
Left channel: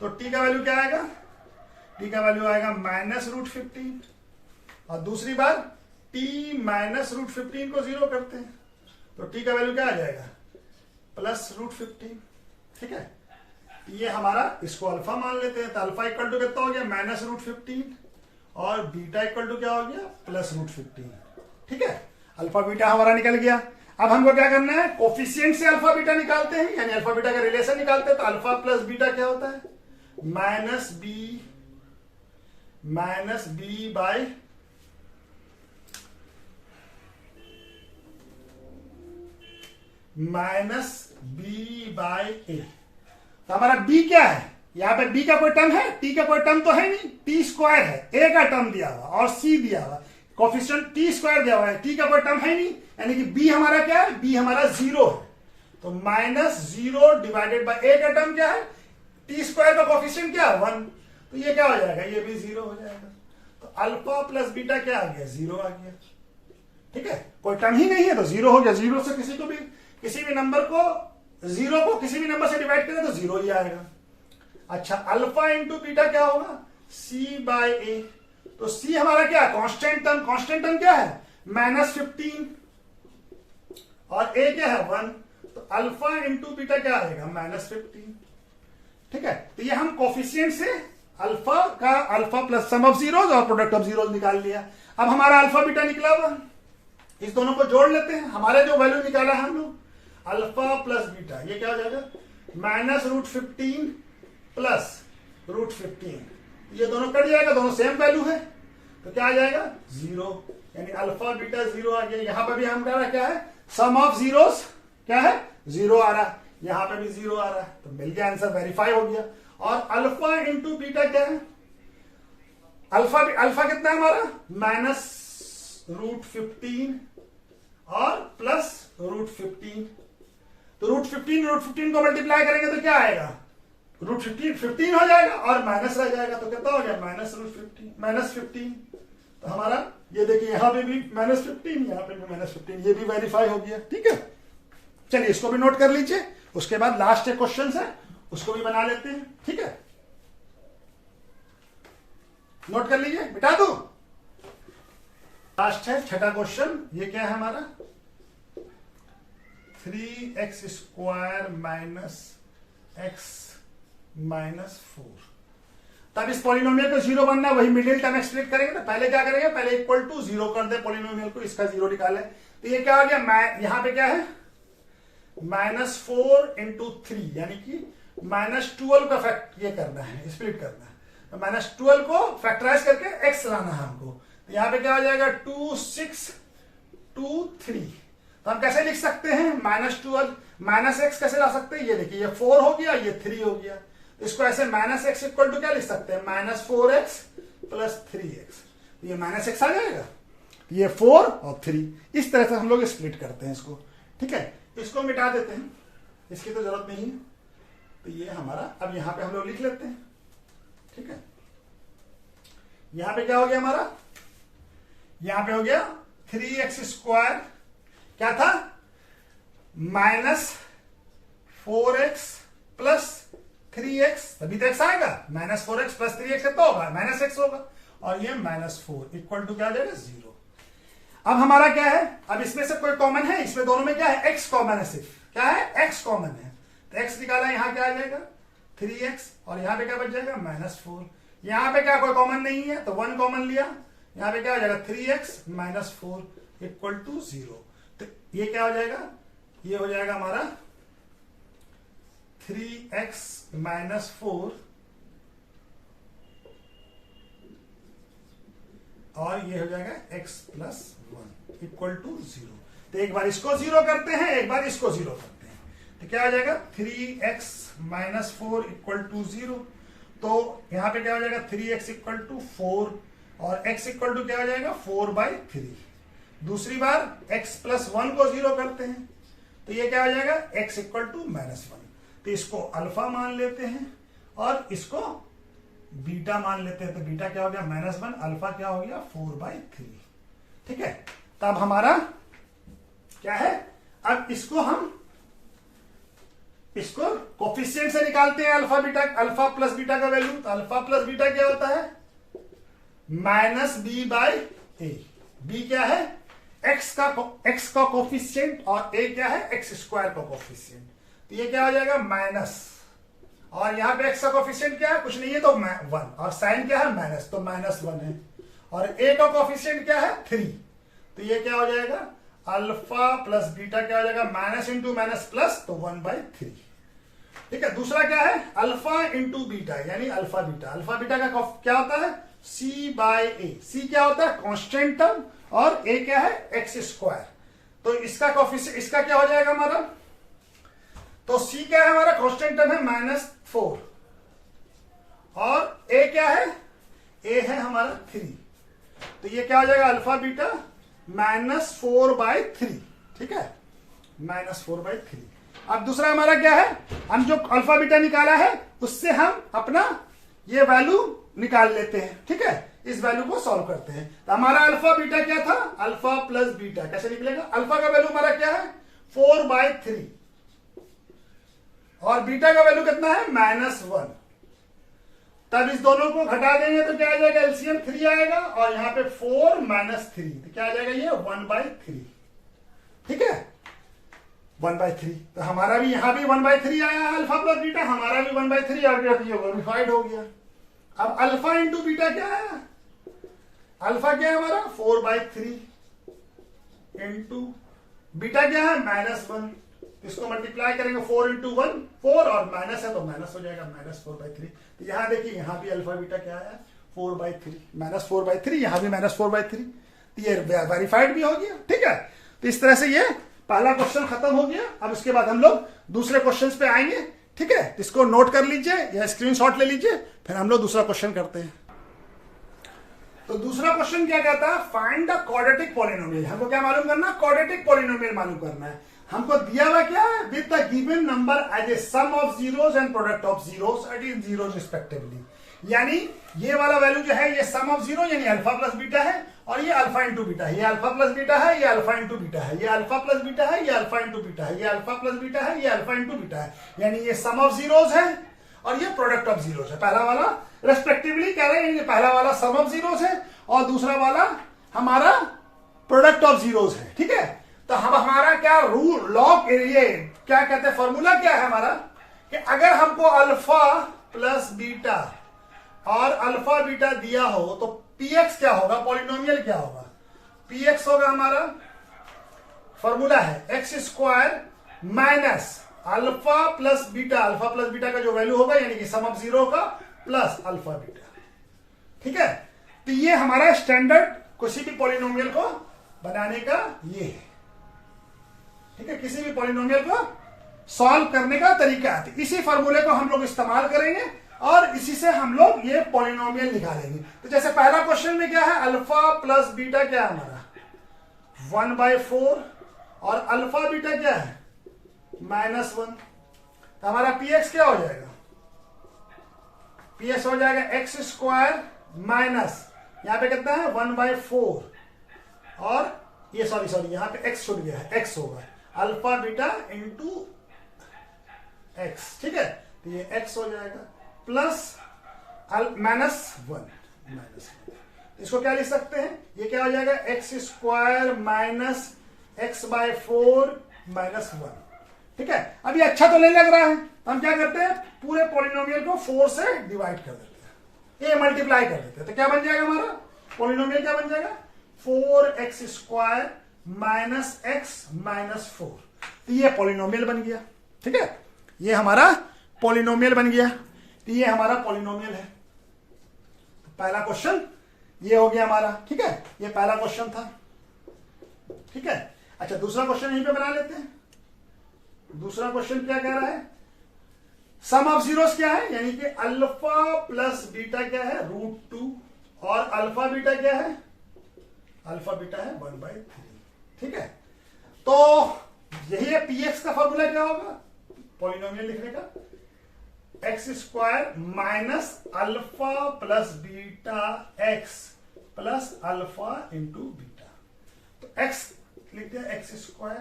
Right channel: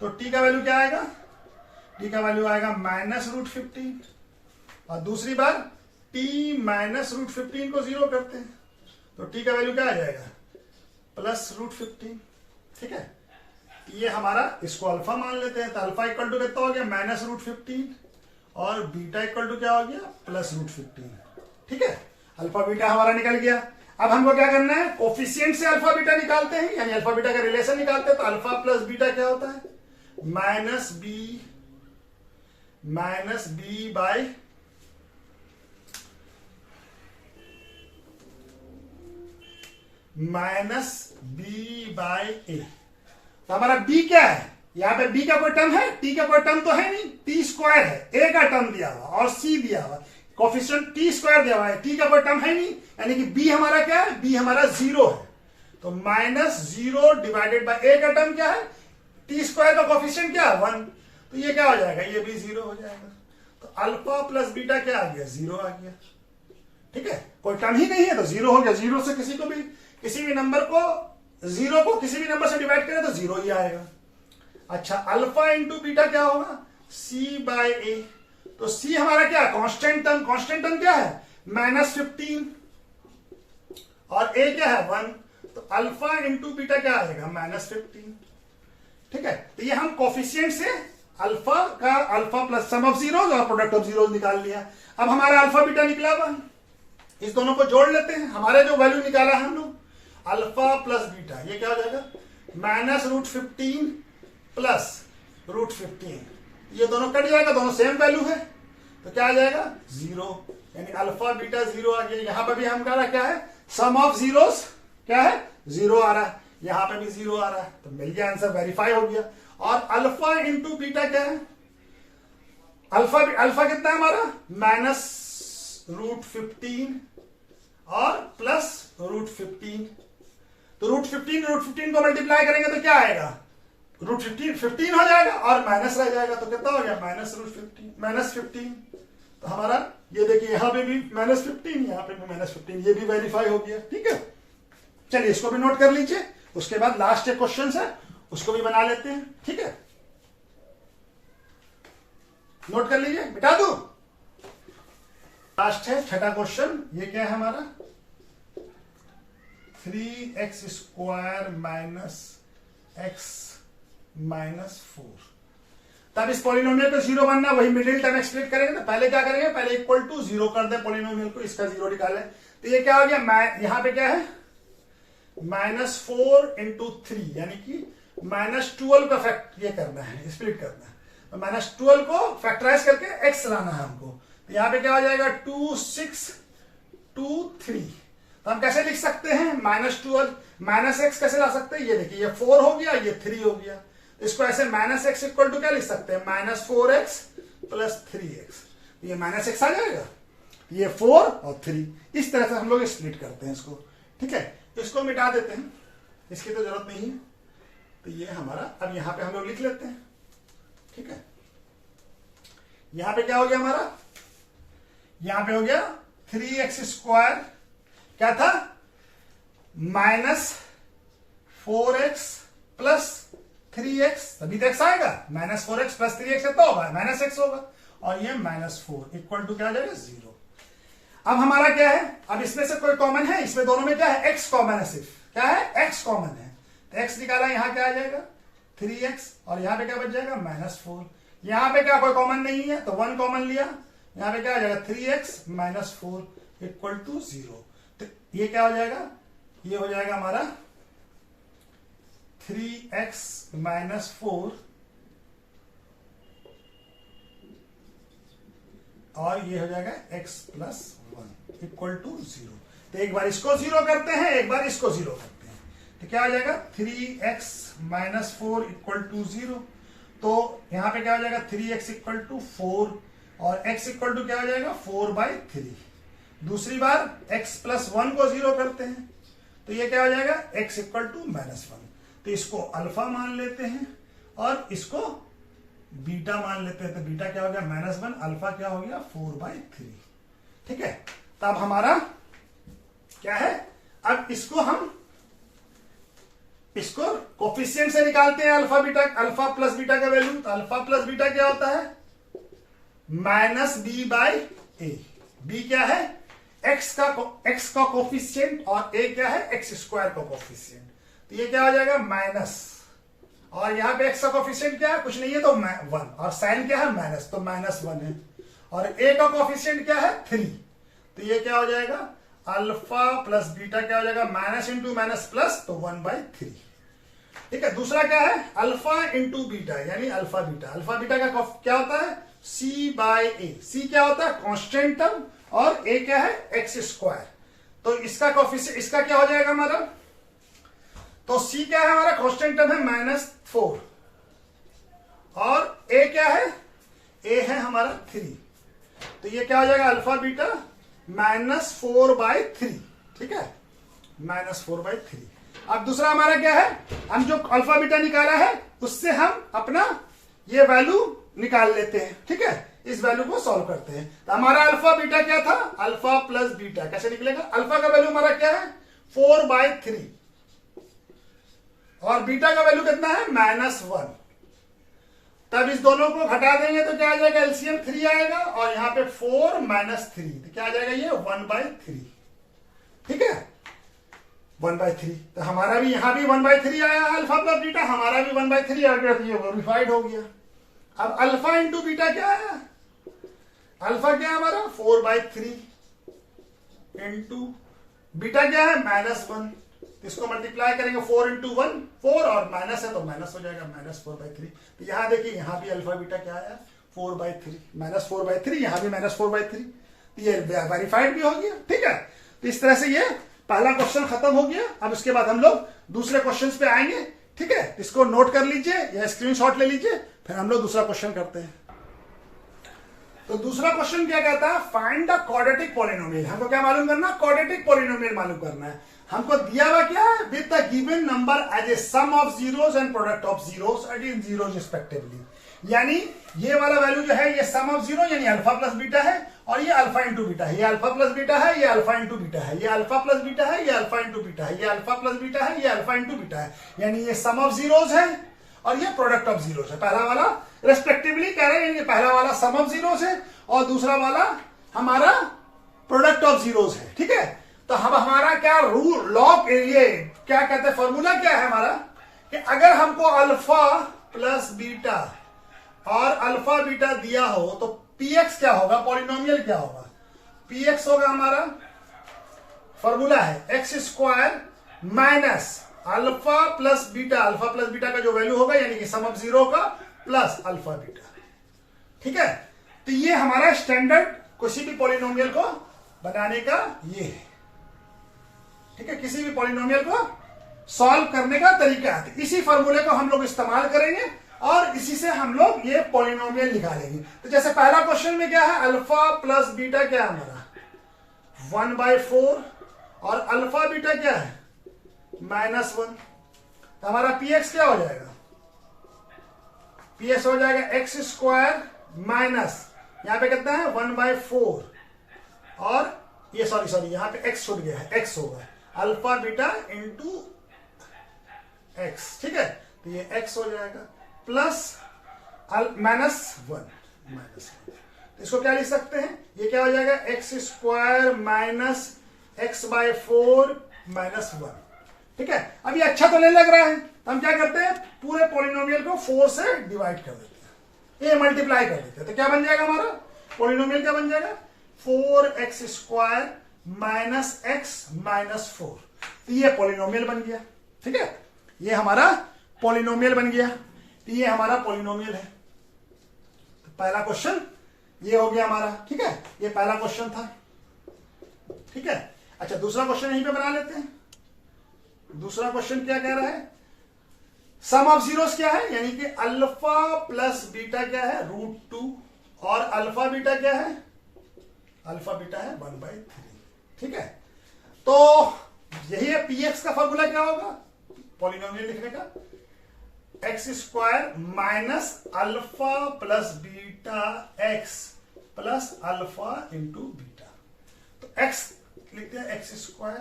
तो t का वैल्यू क्या आएगा, टी का वैल्यू आएगा -√15 और दूसरी बार t -√15 को 0 करते हैं तो t का वैल्यू क्या आ जाएगा +√15। ठीक है, ये हमारा, इसको अल्फा मान लेते हैं तो अल्फा इक्वल टू कितना हो गया -√15 और बीटा इक्वल टू क्या हो गया +√15। ठीक है, अल्फा बीटा हमारा निकल गया। अब हमको क्या करना है, कोफिशिएंट से अल्फा बीटा निकालते हैं, यानी अल्फा बीटा का रिलेशन निकालते हैं। तो अल्फा प्लस बीटा क्या होता है -b बाय -b/a। तो हमारा b क्या है, यहां पे b का कोई टर्म है, t का कोई टर्म तो है नहीं, t² है, a का टर्म दिया हुआ और c दिया हुआ, कोफिशिएंट t² दिया हुआ है, t का कोई टर्म है नहीं, यानी कि b हमारा क्या है, b हमारा 0 है। तो -0 डिवाइडेड बाय a का टर्म क्या है, t² का कोफिशिएंट क्या है 1, तो ये क्या हो जाएगा, ये भी 0 हो जाएगा। तो अल्फा प्लस बीटा क्या आ गया 0 आ गया। ठीक है, कोई टर्म ही नहीं है तो 0 हो गया। 0 से किसी भी नंबर को, 0 को किसी भी नंबर से डिवाइड करें तो 0 ही आएगा। अच्छा, अल्फा इंटू बीटा क्या होगा c/a। तो c हमारा क्या है, कांस्टेंट टर्म क्या है -15 और a क्या है 1, तो अल्फा इंटू बीटा क्या आएगा -15। ठीक है, तो ये हम कोफिशिएंट से alpha plus sum of zeros और प्रोडक्ट ऑफ जीरोस निकाल लिया। अब हमारा अल्फा बीटा निकला हुआ, इस दोनों को जोड़ लेते हैं। हमारे जो वैल्यू निकाला है हम लोग अल्फा प्लस बीटा, ये क्या हो जाएगा -√15 प्लस √15, ये दोनों कट जाएगा, दोनों सेम वैल्यू है तो क्या आ जाएगा 0, यानी अल्फा बीटा 0 आ गया। यहां पर भी हम क्या है, सम ऑफ जीरोस क्या है 0 आ रहा है, यहां पे भी 0 आ रहा है, तो मिल गया आंसर, वेरीफाई हो गया। और अल्फा इंटू बीटा क्या है, अल्फा कितना है हमारा -√15 और +√15। तो √15 को मल्टीप्लाई करेंगे तो क्या आएगा, √15 हो जाएगा और माइनस रह जाएगा, तो कितना हो गया -15। तो हमारा ये देखिए यहां पे भी -15, यहां पे भी -15, ये भी वेरीफाई हो गया। ठीक है, चलिए इसको भी नोट कर लीजिए, उसके बाद लास्ट एक क्वेश्चन है उसको भी बना लेते हैं। ठीक है, नोट कर लीजिए, बिठा दो। लास्ट है छठा क्वेश्चन, ये क्या है हमारा 3x² - x - 4। तब इस पॉलिनोमियल को 0 बनना, वही मिडिल टर्म एक्सप्लेन करेंगे। तो पहले क्या करेंगे, पहले इक्वल टू 0 कर दे पॉलिनोमियल को, इसका 0 निकाले। तो ये क्या हो गया, यहां पे क्या है -4 × 3, यानी कि -12 का फैक्ट ये करना है, स्प्लिट करना है। तो -12 को फैक्टराइज करके x लाना है हमको। तो यहां पे क्या हो जाएगा 2 6 2 3। तो हम कैसे लिख सकते हैं -12 -x कैसे ला सकते हैं, ये देखिए ये 4 हो गया, ये 3 हो गया। तो इसको ऐसे -x इक्वल टू क्या लिख सकते हैं -4x + 3x। ये -x आ जाएगा, ये 4 और 3, इस तरह से हम लोग स्प्लिट करते हैं इसको। ठीक है, इसको मिटा देते हैं, इसकी तो जरूरत नहीं है। तो ये हमारा, अब यहां पे हम लोग लिख लेते हैं। ठीक है, यहां पे क्या हो गया हमारा, यहां पे हो गया 3x² क्या था -4x + 3x, तभी तो x आएगा, -4x + 3x तो होगा -x होगा, और ये -4 इक्वल टू क्या आ जाएगा 0। अब हमारा क्या है, अब इसमें से कोई कॉमन है, इसमें दोनों में क्या है x कॉमन है, सिर्फ क्या है x कॉमन है। तो x निकाला, यहां क्या आ जाएगा 3x और यहां पे क्या बच जाएगा -4। यहां पे क्या कोई कॉमन नहीं है तो 1 कॉमन लिया, यहां पे क्या आ जाएगा 3x - 4 इक्वल टू 0। तो ये क्या हो जाएगा, ये हो जाएगा हमारा 3x - 4 और ये हो जाएगा x + 1 इक्वल टू 0। तो एक बार इसको 0 करते हैं, एक बार इसको 0 करते हैं, तो क्या आ जाएगा 3x - 4 इक्वल टू 0। तो यहां पे क्या हो जाएगा 3x इक्वल टू 4 और x इक्वल टू क्या हो जाएगा 4/3। दूसरी बार x + 1 को 0 करते हैं, तो ये क्या हो जाएगा x इक्वल टू -1। तो इसको अल्फा मान लेते हैं और इसको बीटा मान लेते हैं। तो बीटा क्या हो गया -1, अल्फा क्या हो गया 4/3। ठीक है, तब हमारा क्या है, अब इसको हम इसको कोफिशिएंट से निकालते हैं alpha beta, alpha plus beta का वैल्यू। तो अल्फा प्लस बीटा क्या होता है? Minus B by A. B क्या है? एक्स का कोफिशिएंट और ए क्या है? एक्स स्क्वायर का कोफिशिएंट। तो ये क्या हो जाएगा? माइनस, और यहां पे एक्स का कोफिशिएंट क्या है? कुछ नहीं है तो 1, और साइन क्या है? माइनस, तो -1 है। और ए का कोफिशिएंट क्या है? 3। तो ये क्या हो जाएगा? अल्फा प्लस बीटा क्या हो जाएगा? माइनस इंटू माइनस प्लस, तो 1/3। ठीक है। दूसरा क्या है? अल्फा इंटू बीटा, यानी अल्फा बीटा। अल्फा बीटा का क्या होता है? सी बाय ए। सी क्या होता है? कांस्टेंट टर्म, और ए क्या है? X square. तो इसका कोफिशिएंट, इसका क्या हो जाएगा हमारा? तो सी क्या है हमारा? कांस्टेंट टर्म है -4, और ए क्या है? ए है हमारा 3। तो ये क्या हो जाएगा? Alpha beta -4/3। ठीक है, -4/3। अब दूसरा हमारा क्या है? हम जो अल्फा बीटा निकाला है उससे हम अपना ये वैल्यू निकाल लेते हैं। ठीक है, इस वैल्यू को सॉल्व करते हैं। तो हमारा अल्फा बीटा क्या था? Alpha plus beta. कैसे निकलेगा? अल्फा का वैल्यू हमारा क्या है? 4/3, और बीटा का वैल्यू कितना है? -1। तब इस दोनों को घटा देंगे तो क्या आ जाएगा? एलसीएम 3 आएगा, और यहां पे 4 - 3, तो क्या आ जाएगा? ये 1/3। ठीक है, 1/3। तो हमारा भी यहां भी 1/3 आया अल्फा प्लस बीटा, हमारा भी 1/3 आ गया, तो ये वेरीफाइड हो गया। अब अल्फा इंटू बीटा क्या है? अल्फा क्या है हमारा? 4/3 इंटू बीटा क्या है? -1। इसको मल्टीप्लाई करेंगे 4 इंटू 1, 4, और माइनस है तो माइनस हो जाएगा, -4/3। तो यहां देखिए, यहां भी अल्फा बीटा क्या आया? 4/3, -4/3, यहां भी -4/3। तो ये वेरीफाइड भी हो गया। ठीक है, तो इस तरह से ये पहला क्वेश्चन खत्म हो गया। अब इसके बाद हम लोग दूसरे क्वेश्चन पे आएंगे। ठीक है, इसको नोट कर लीजिए या स्क्रीनशॉट ले लीजिए, फिर हम लोग दूसरा क्वेश्चन करते हैं। तो दूसरा क्वेश्चन क्या कहता है? Find the quadratic polynomial. हमको क्या मालूम करना? क्वाड्रेटिक पॉलिनोमियल मालूम करना है। हमको दिया हुआ क्या है? With the given number as a sum of zeros and product of zeros at in zeros respectively. यानी ये वाला वैल्यू जो है, ये सम ऑफ जीरो यानी अल्फा प्लस बीटा है, और ये अल्फा इंटू बीटा है। ये अल्फा प्लस बीटा है, ये अल्फा इंटू बीटा है, ये अल्फा प्लस बीटा है, ये अल्फा इंटू बीटा है, ये अल्फा प्लस बीटा है, ये अल्फा इंटू बीटा है। यानी ये सम ऑफ जीरोस है और ये प्रोडक्ट ऑफ जीरोस है। पहला वाला रेस्पेक्टिवली कह रहे हैं, ये पहला वाला सम ऑफ जीरोस है और दूसरा वाला हमारा प्रोडक्ट ऑफ जीरोस है। ठीक है, तो हम हमारा क्या रूल लॉ, ये क्या कहते हैं, फॉर्मूला क्या है हमारा? कि अगर हमको अल्फा प्लस बीटा और अल्फा बीटा दिया हो तो पीएक्स क्या होगा? पॉलिनोमियल क्या होगा? पीएक्स होगा हमारा, फॉर्मूला है x² minus alpha plus beta. Alpha plus beta का जो वैल्यू होगा यानी कि सम ऑफ जीरो का प्लस अल्फा बीटा। ठीक है, तो ये हमारा स्टैंडर्ड किसी भी पॉलिनोमियल को बनाने का ये है। ठीक है, किसी भी पॉलिनोमियल को सॉल्व करने का तरीका है। तो इसी फॉर्मूले को हम लोग इस्तेमाल करेंगे और इसी से हम लोग ये पॉलिनोमियल निकालेंगे। तो जैसे पहला क्वेश्चन में क्या है? अल्फा प्लस बीटा क्या है हमारा? 1/4, और अल्फा बीटा क्या है? -1। तो हमारा पीएक्स क्या हो जाएगा? पीएक्स हो जाएगा x² माइनस, यहां पे कितना है? 1/4, और ये सॉरी यहां पे x छूट गया है, x होगा अल्फा बीटा इंटू एक्स। ठीक है, तो ये x हो जाएगा प्लस -1। इसको क्या लिख सकते हैं? ये क्या हो जाएगा? x² minus x/4 -1। ठीक है, अब ये अच्छा तो नहीं लग रहा है, हम क्या करते हैं? पूरे पॉलिनोमियल को 4 से डिवाइड कर देते हैं, ये मल्टीप्लाई कर देते हैं। तो क्या बन जाएगा हमारा पॉलिनोमियल? क्या बन जाएगा? 4x² minus x -4। तो ये पॉलिनोमियल बन गया। ठीक है, ये हमारा पॉलिनोमियल बन गया। तो ये हमारा पॉलिनोमियल है। तो पहला क्वेश्चन ये हो गया हमारा। ठीक है, ये पहला क्वेश्चन था। ठीक है, अच्छा दूसरा क्वेश्चन यहीं पे बना लेते हैं। दूसरा क्वेश्चन क्या कह रहा है? सम ऑफ जीरोस क्या है? यानी कि अल्फा प्लस बीटा क्या है? √2, और अल्फा बीटा क्या है? अल्फा बीटा है 1/3। ठीक है, तो यही है पीएक्स का फॉर्मूला क्या होगा पॉलिनोमियल लिखने का? x² minus alpha plus beta x plus alpha into beta. तो x लिखते हैं x²।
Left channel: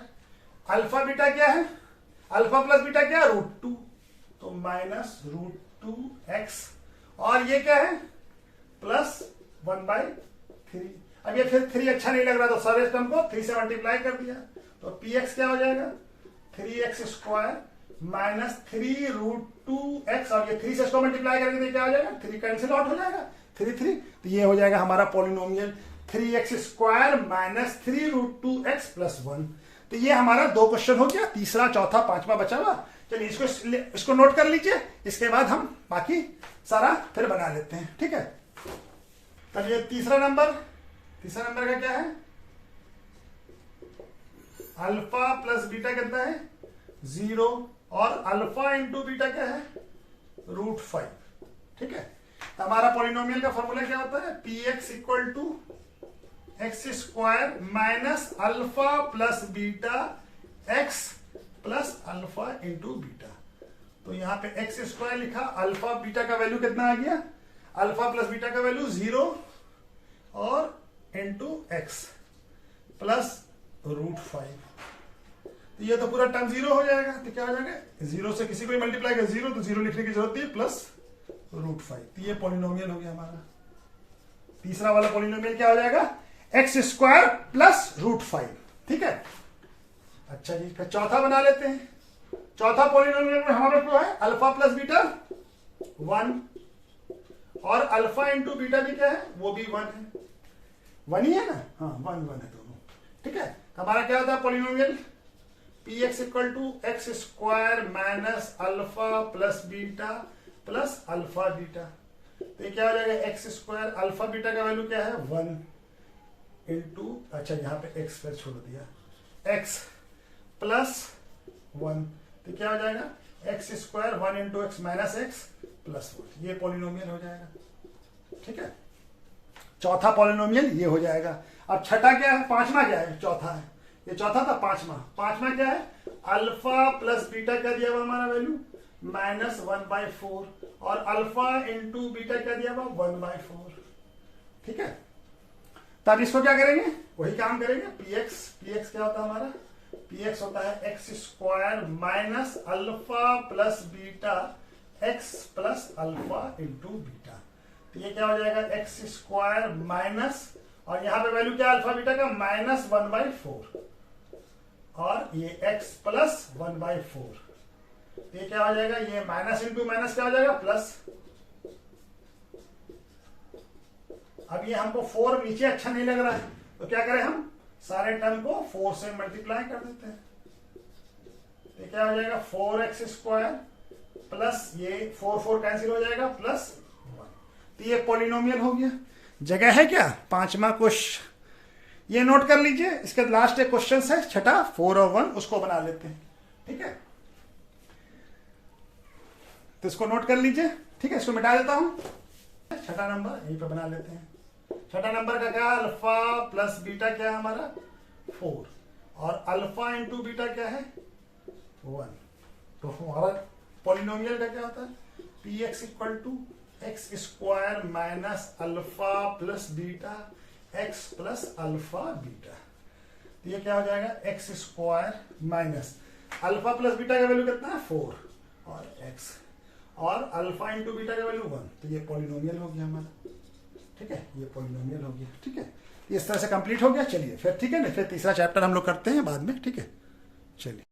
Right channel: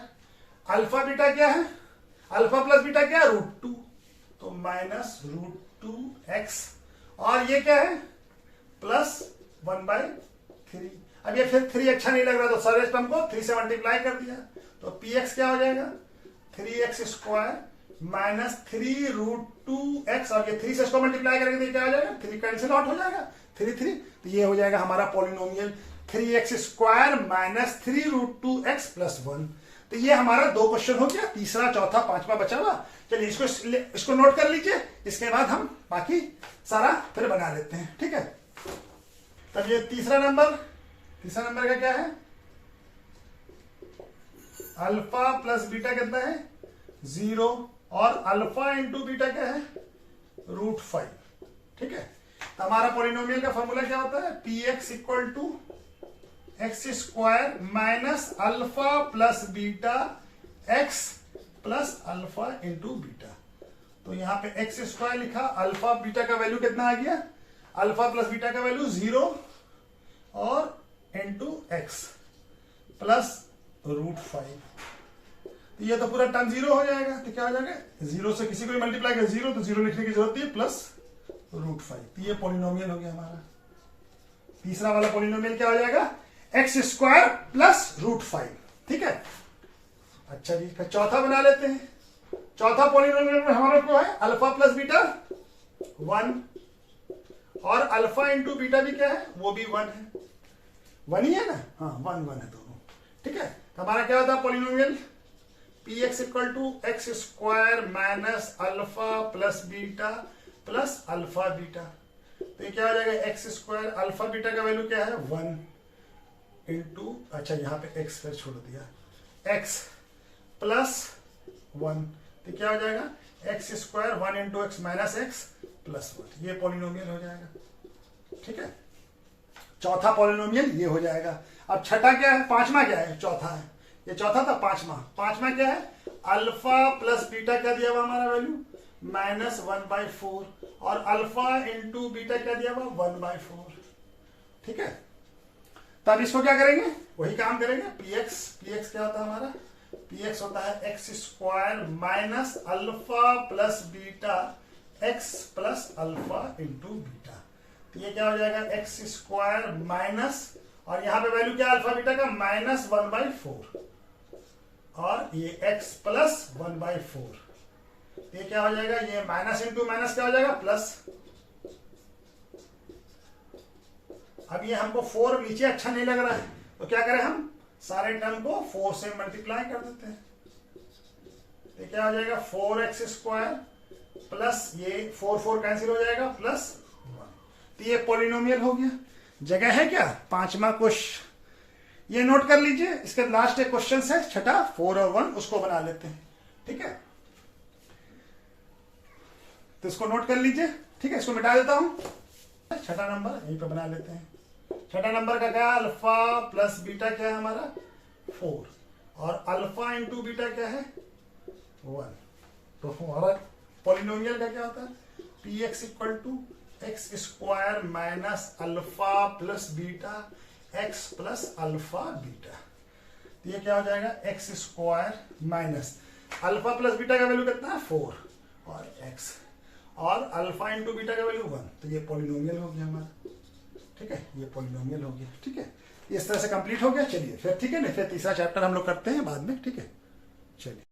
अल्फा बीटा क्या है? अल्फा प्लस बीटा क्या है, √2, तो -√2x, और ये क्या है +1/3। अब ये फिर 3 अच्छा नहीं लग रहा तो सर्वेस टर्म को 3 से मल्टीप्लाई कर दिया, तो px क्या हो जाएगा 3x स्क्वायर -3√2x, और ये 3 से इसको मल्टीप्लाई करके तो क्या हो जाएगा 3 कैंसिल आउट हो जाएगा, 3 तो ये हो जाएगा हमारा पॉलिनोमियल 3x स्क्वायर -3√2x + 1। तो ये हमारा 2 क्वेश्चन हो गया, तीसरा चौथा पांचवा बचा हुआ। चलिए इसको नोट कर लीजिए, इसके बाद हम बाकी सारा फिर बना लेते हैं, ठीक है। तब ये तीसरा नंबर का क्या है, अल्फा प्लस बीटा कितना है 0, और अल्फा इंटू बीटा क्या है √5, ठीक है। तो हमारा पॉलिनोमियल का फॉर्मूला क्या होता है, px equal to x square minus alpha plus beta x plus alpha into beta. तो यहां पे एक्स स्क्वायर लिखा, अल्फा बीटा का वैल्यू कितना आ गया, अल्फा प्लस बीटा का वैल्यू 0 और इंटू एक्स प्लस √5। तो ये तो पूरा टर्म 0 हो जाएगा, तो क्या हो जाएगा 0 से किसी को भी मल्टीप्लाई कर 0, तो 0 लिखने की जरूरत नहीं, प्लस √5। तो ये पॉलिनोमियल हो गया हमारा। तीसरा वाला पॉलिनोमियल क्या हो जाएगा, एक्स स्क्वायर प्लस √5, ठीक है। अच्छा जी, फिर चौथा बना लेते हैं। चौथा पॉलिनोमियल में हमारा क्या है, अल्फा प्लस बीटा 1, और अल्फा इंटू बीटा भी क्या है, वो भी 1 है, 1 ही है ना, हाँ 1 है दोनों, ठीक है। तो हमारा क्या होता है polynomial, px equal to x square minus alpha plus beta plus alpha beta. तो ये क्या हो जाएगा, एक्स स्क्वायर, अल्फा बीटा का वैल्यू क्या है 1 इंटू, अच्छा यहाँ पे एक्स फिर छोड़ दिया, एक्स प्लस 1, तो क्या हो जाएगा x square 1 into x minus x plus 1। ये पॉलिनोमियल हो जाएगा, ठीक है। चौथा पॉलिनोमियल ये हो जाएगा। अब छठा क्या है, पांचवा क्या है, चौथा है, ये चौथा था, पांचवा क्या है, अल्फा प्लस बीटा क्या दिया हुआ हमारा वैल्यू -1/4, और अल्फा इंटू बीटा क्या दिया हुआ 1/4, ठीक है। तब इसको क्या करेंगे, वही काम करेंगे, px क्या होता है हमारा, px होता है x square minus alpha plus beta x plus alpha into beta. तो ये क्या हो जाएगा एक्स स्क्वायर माइनस, और यहां पे वैल्यू क्या अल्फा बीटा का -1/4, और ये x प्लस 1/4। ये क्या हो जाएगा, ये माइनस इंटू माइनस क्या हो जाएगा प्लस। अब ये हमको 4 नीचे अच्छा नहीं लग रहा है, तो क्या करें हम सारे टर्म को 4 से मल्टीप्लाई कर देते हैं। तो क्या हो जाएगा 4x स्क्वायर प्लस ये 4 कैंसिल हो जाएगा प्लस 1। तो ये पॉलिनोमियल हो गया। जगह है क्या, पांचवा क्वेश्चन, ये नोट कर लीजिए। इसके लास्ट एक क्वेश्चन है छठा, 4 और 1, उसको बना लेते हैं, ठीक है। तो इसको नोट कर लीजिए, ठीक है। इसको मिटा देता हूं, छठा नंबर यहीं पे बना लेते हैं। छठा नंबर का क्या, अल्फा प्लस बीटा क्या है हमारा 4, और अल्फा इंटू बीटा क्या है 1। तो हमारा पॉलिनोमियल का क्या होता है, px equal to x square minus alpha plus beta x plus alpha beta. तो ये क्या हो जाएगा x square minus alpha plus beta का वैल्यू कितना है 4, और एक्स, और अल्फा इंटू बीटा का वैल्यू 1। तो ये पॉलिनोमियल हो गया हमारा, ठीक है, ये पॉलिनोमियल हो गया, ठीक है। इस तरह से कंप्लीट हो गया। चलिए फिर, ठीक है ना, फिर तीसरा चैप्टर हम लोग करते हैं बाद में, ठीक है, चलिए।